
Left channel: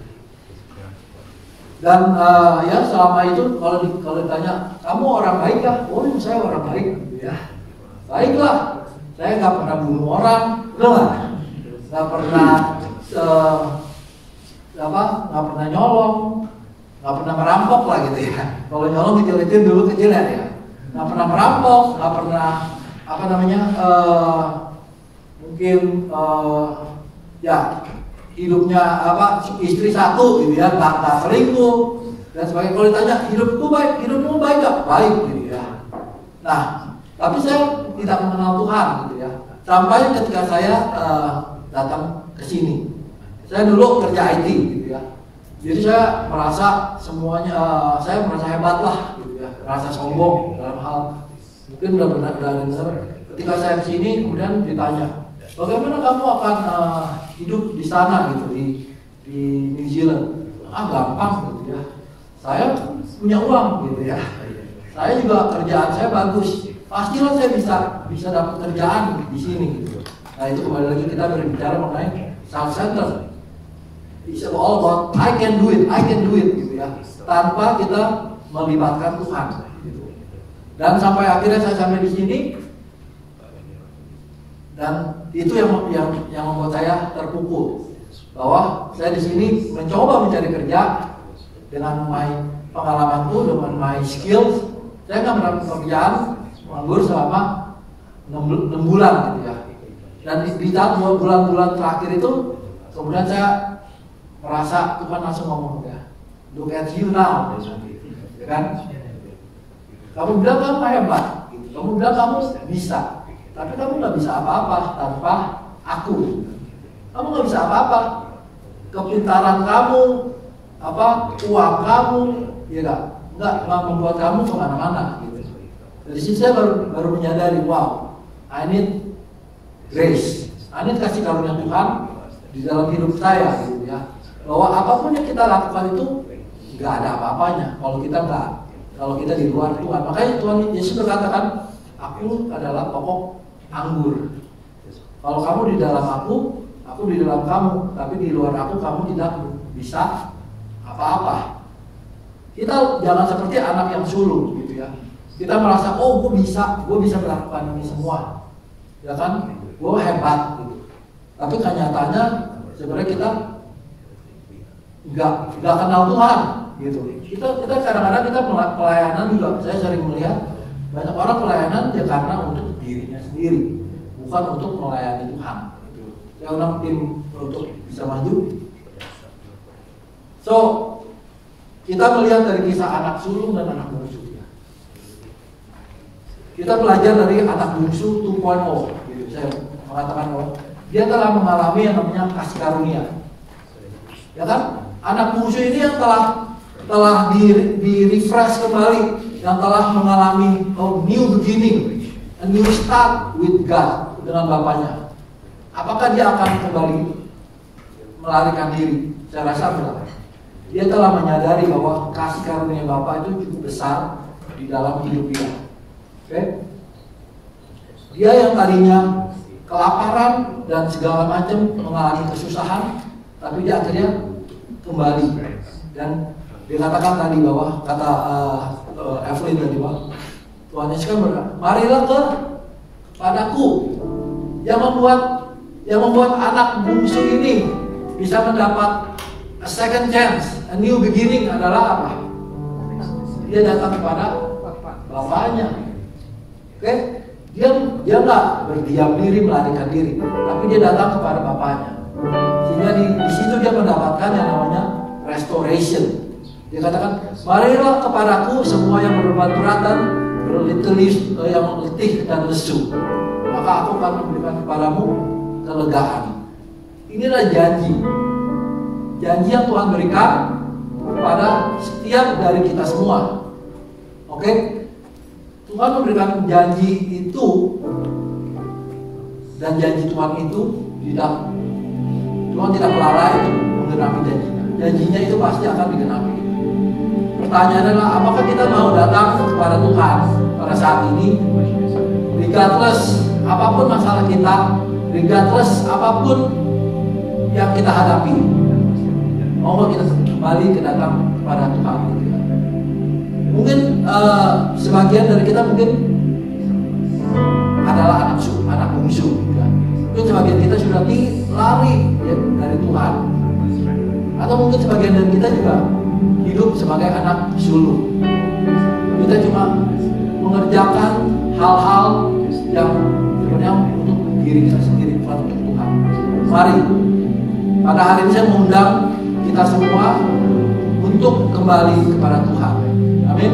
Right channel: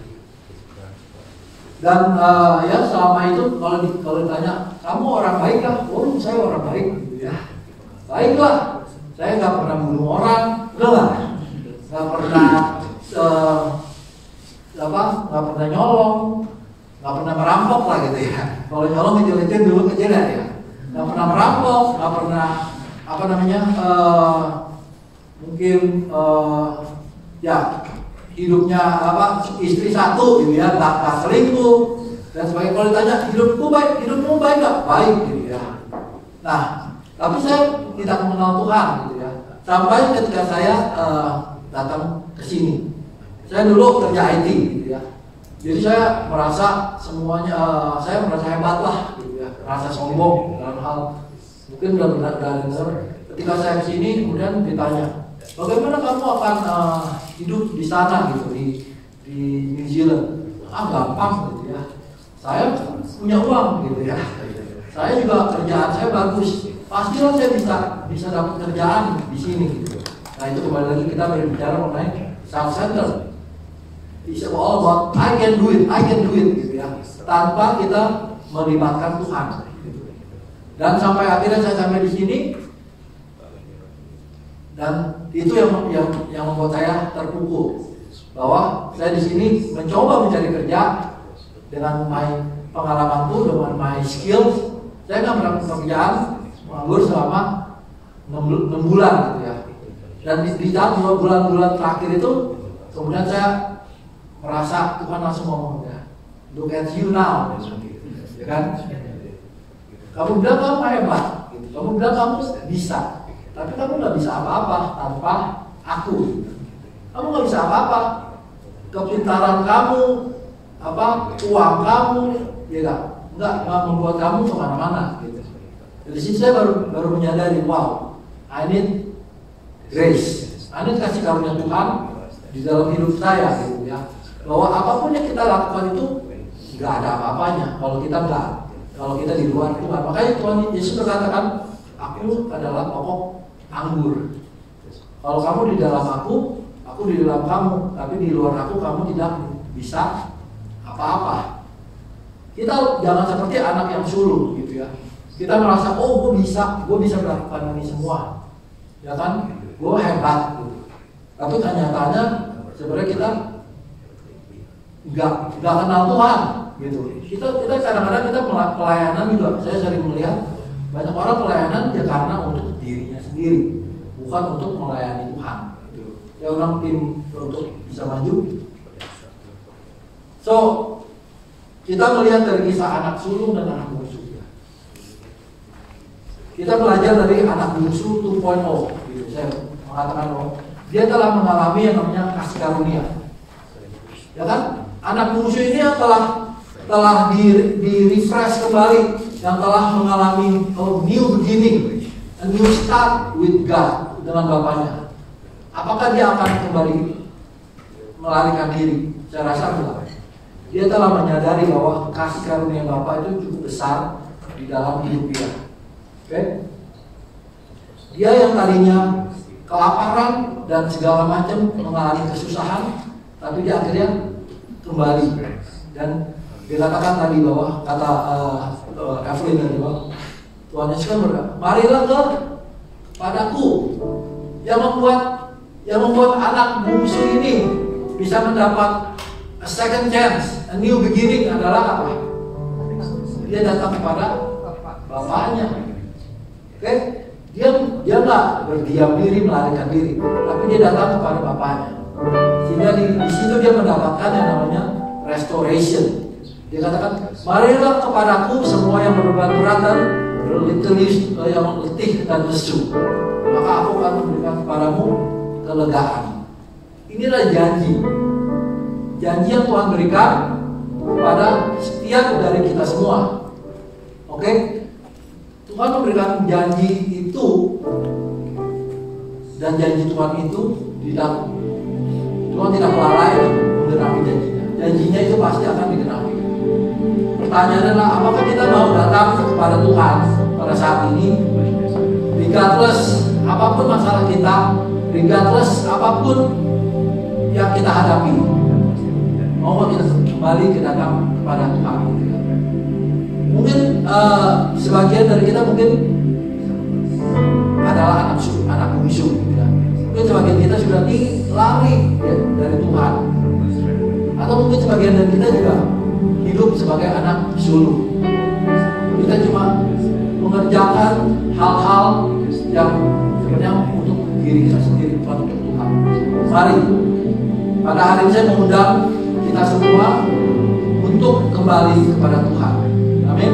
Dan ya selama itu kalau ditanya kamu orang baik kah? Oh, saya orang baik, gitu ya. Baiklah, saya nggak pernah bunuh orang, nggak pernah nggak pernah nyolong, nggak pernah merampok lah, gitu ya. Kalau nyolong kecil-kecil dulu kecil ya, nggak pernah merampok, nggak pernah mungkin ya hidupnya istri satu, gitu ya, tak selingkuh dan sebagainya. Kalau ditanya hidupmu baik nggak? Baik, gitu ya. Nah, tapi saya tidak mengenal Tuhan, gitu ya. Sampai ketika saya datang ke sini, saya dulu kerja IT, gitu ya. Jadi saya merasa semuanya, saya merasa hebat lah, gitu ya. Merasa sombong dalam hal mungkin benar-benar dengar. Ketika saya kesini, kemudian ditanya, bagaimana kamu akan hidup di sana, gitu, di New Zealand? Gampang, gitu ya. Saya punya uang, gitu ya. Saya juga kerjaan saya bagus. Pastilah saya bisa dapat kerjaan di sini, gitu. Nah, itu kembali lagi kita berbicara mengenai self-centered. It's all about I can do it, gitu ya. Tanpa kita melibatkan Tuhan. Gitu. Dan sampai akhirnya saya sampai di sini, Dan itu yang membuat saya terpukul bahwa saya di sini mencoba mencari kerja dengan pengalamanku, dengan my skills. Saya nggak mendapat pekerjaan, menganggur selama 6 bulan gitu ya. Dan di tahun 2 bulan terakhir itu kemudian saya merasa Tuhan langsung ngomong ya, look at you now, ya kan? Kamu bilang kamu hebat, gitu. Kamu bilang kamu bisa, tapi kamu nggak bisa apa-apa tanpa aku. Kamu nggak bisa apa-apa. Kepintaran kamu, uang kamu, ya nggak membuat kamu kemana-mana. Gitu. Dari sini saya baru menyadari, wow, I need grace, I need kasih karunia Tuhan di dalam hidup saya, gitu ya. Bahwa apapun yang kita lakukan itu nggak ada apa-apanya kalau kita di luar Tuhan. Makanya Tuhan Yesus berkatakan, aku adalah pokok anggur. Kalau kamu di dalam aku di dalam kamu, tapi di luar aku kamu tidak bisa apa-apa. Kita jangan seperti anak yang sulung gitu ya. Kita merasa, oh gue bisa melakukan ini semua, ya kan? Gue hebat gitu. Tapi kenyataannya sebenarnya kita nggak kenal Tuhan gitu. Kita kadang-kadang kita pelayanan juga. Saya sering melihat banyak orang pelayanan ya karena untuk dirinya sendiri, bukan untuk melayani Tuhan. Gitu. Ya orang tim untuk bisa maju. So kita melihat dari kisah anak sulung dan anak bungsu. Kita belajar dari anak bungsu 2.0 gitu. Saya mengatakan bahwa dia telah mengalami yang namanya kasih karunia. Ya kan? Anak bungsu ini yang telah di refresh kembali, yang telah mengalami new beginning, a new start with God dengan Bapaknya. Apakah dia akan kembali melarikan diri? Saya rasa enggak. Dia telah menyadari bahwa kasih karunia Bapa itu cukup besar di dalam hidup dia. Oke? Dia yang tadinya kelaparan dan segala macam mengalami kesusahan, tapi dia akhirnya kembali. Dan dikatakan tadi bahwa kata Evelyn tadi bahwa Tuhan Yesus kan berkata, marilah padaku yang membuat anak bungsu ini bisa mendapat a second chance, a new beginning adalah apa? Dia datang kepada Bapaknya. Oke? Dia nggak berdiam diri, melarikan diri, tapi dia datang kepada Bapaknya. Sehingga di situ dia mendapatkan yang namanya restoration. Dia katakan, marilah kepadaku semua yang berbeban dan yang letih dan lesu, maka aku akan memberikan kepadamu kelegaan. Inilah janji yang Tuhan berikan kepada setiap dari kita semua. Oke? Tuhan memberikan janji itu, dan janji Tuhan itu Tuhan tidak lalai menggenapi janjinya. Janjinya itu pasti akan digenapi. Pertanyaannya adalah, apakah kita mau datang kepada Tuhan pada saat ini, regardless apapun masalah kita, regardless apapun yang kita hadapi, mau kita kembali datang kepada Tuhan. Mungkin sebagian dari kita mungkin adalah anak bungsu, ya. Mungkin sebagian kita sudah lari ya, dari Tuhan, atau mungkin sebagian dari kita juga hidup sebagai anak sulung. Kita cuma mengerjakan hal-hal yang untuk diri kita sendiri, bukan untuk Tuhan. Mari pada hari ini saya mengundang kita semua untuk kembali kepada Tuhan. Amin.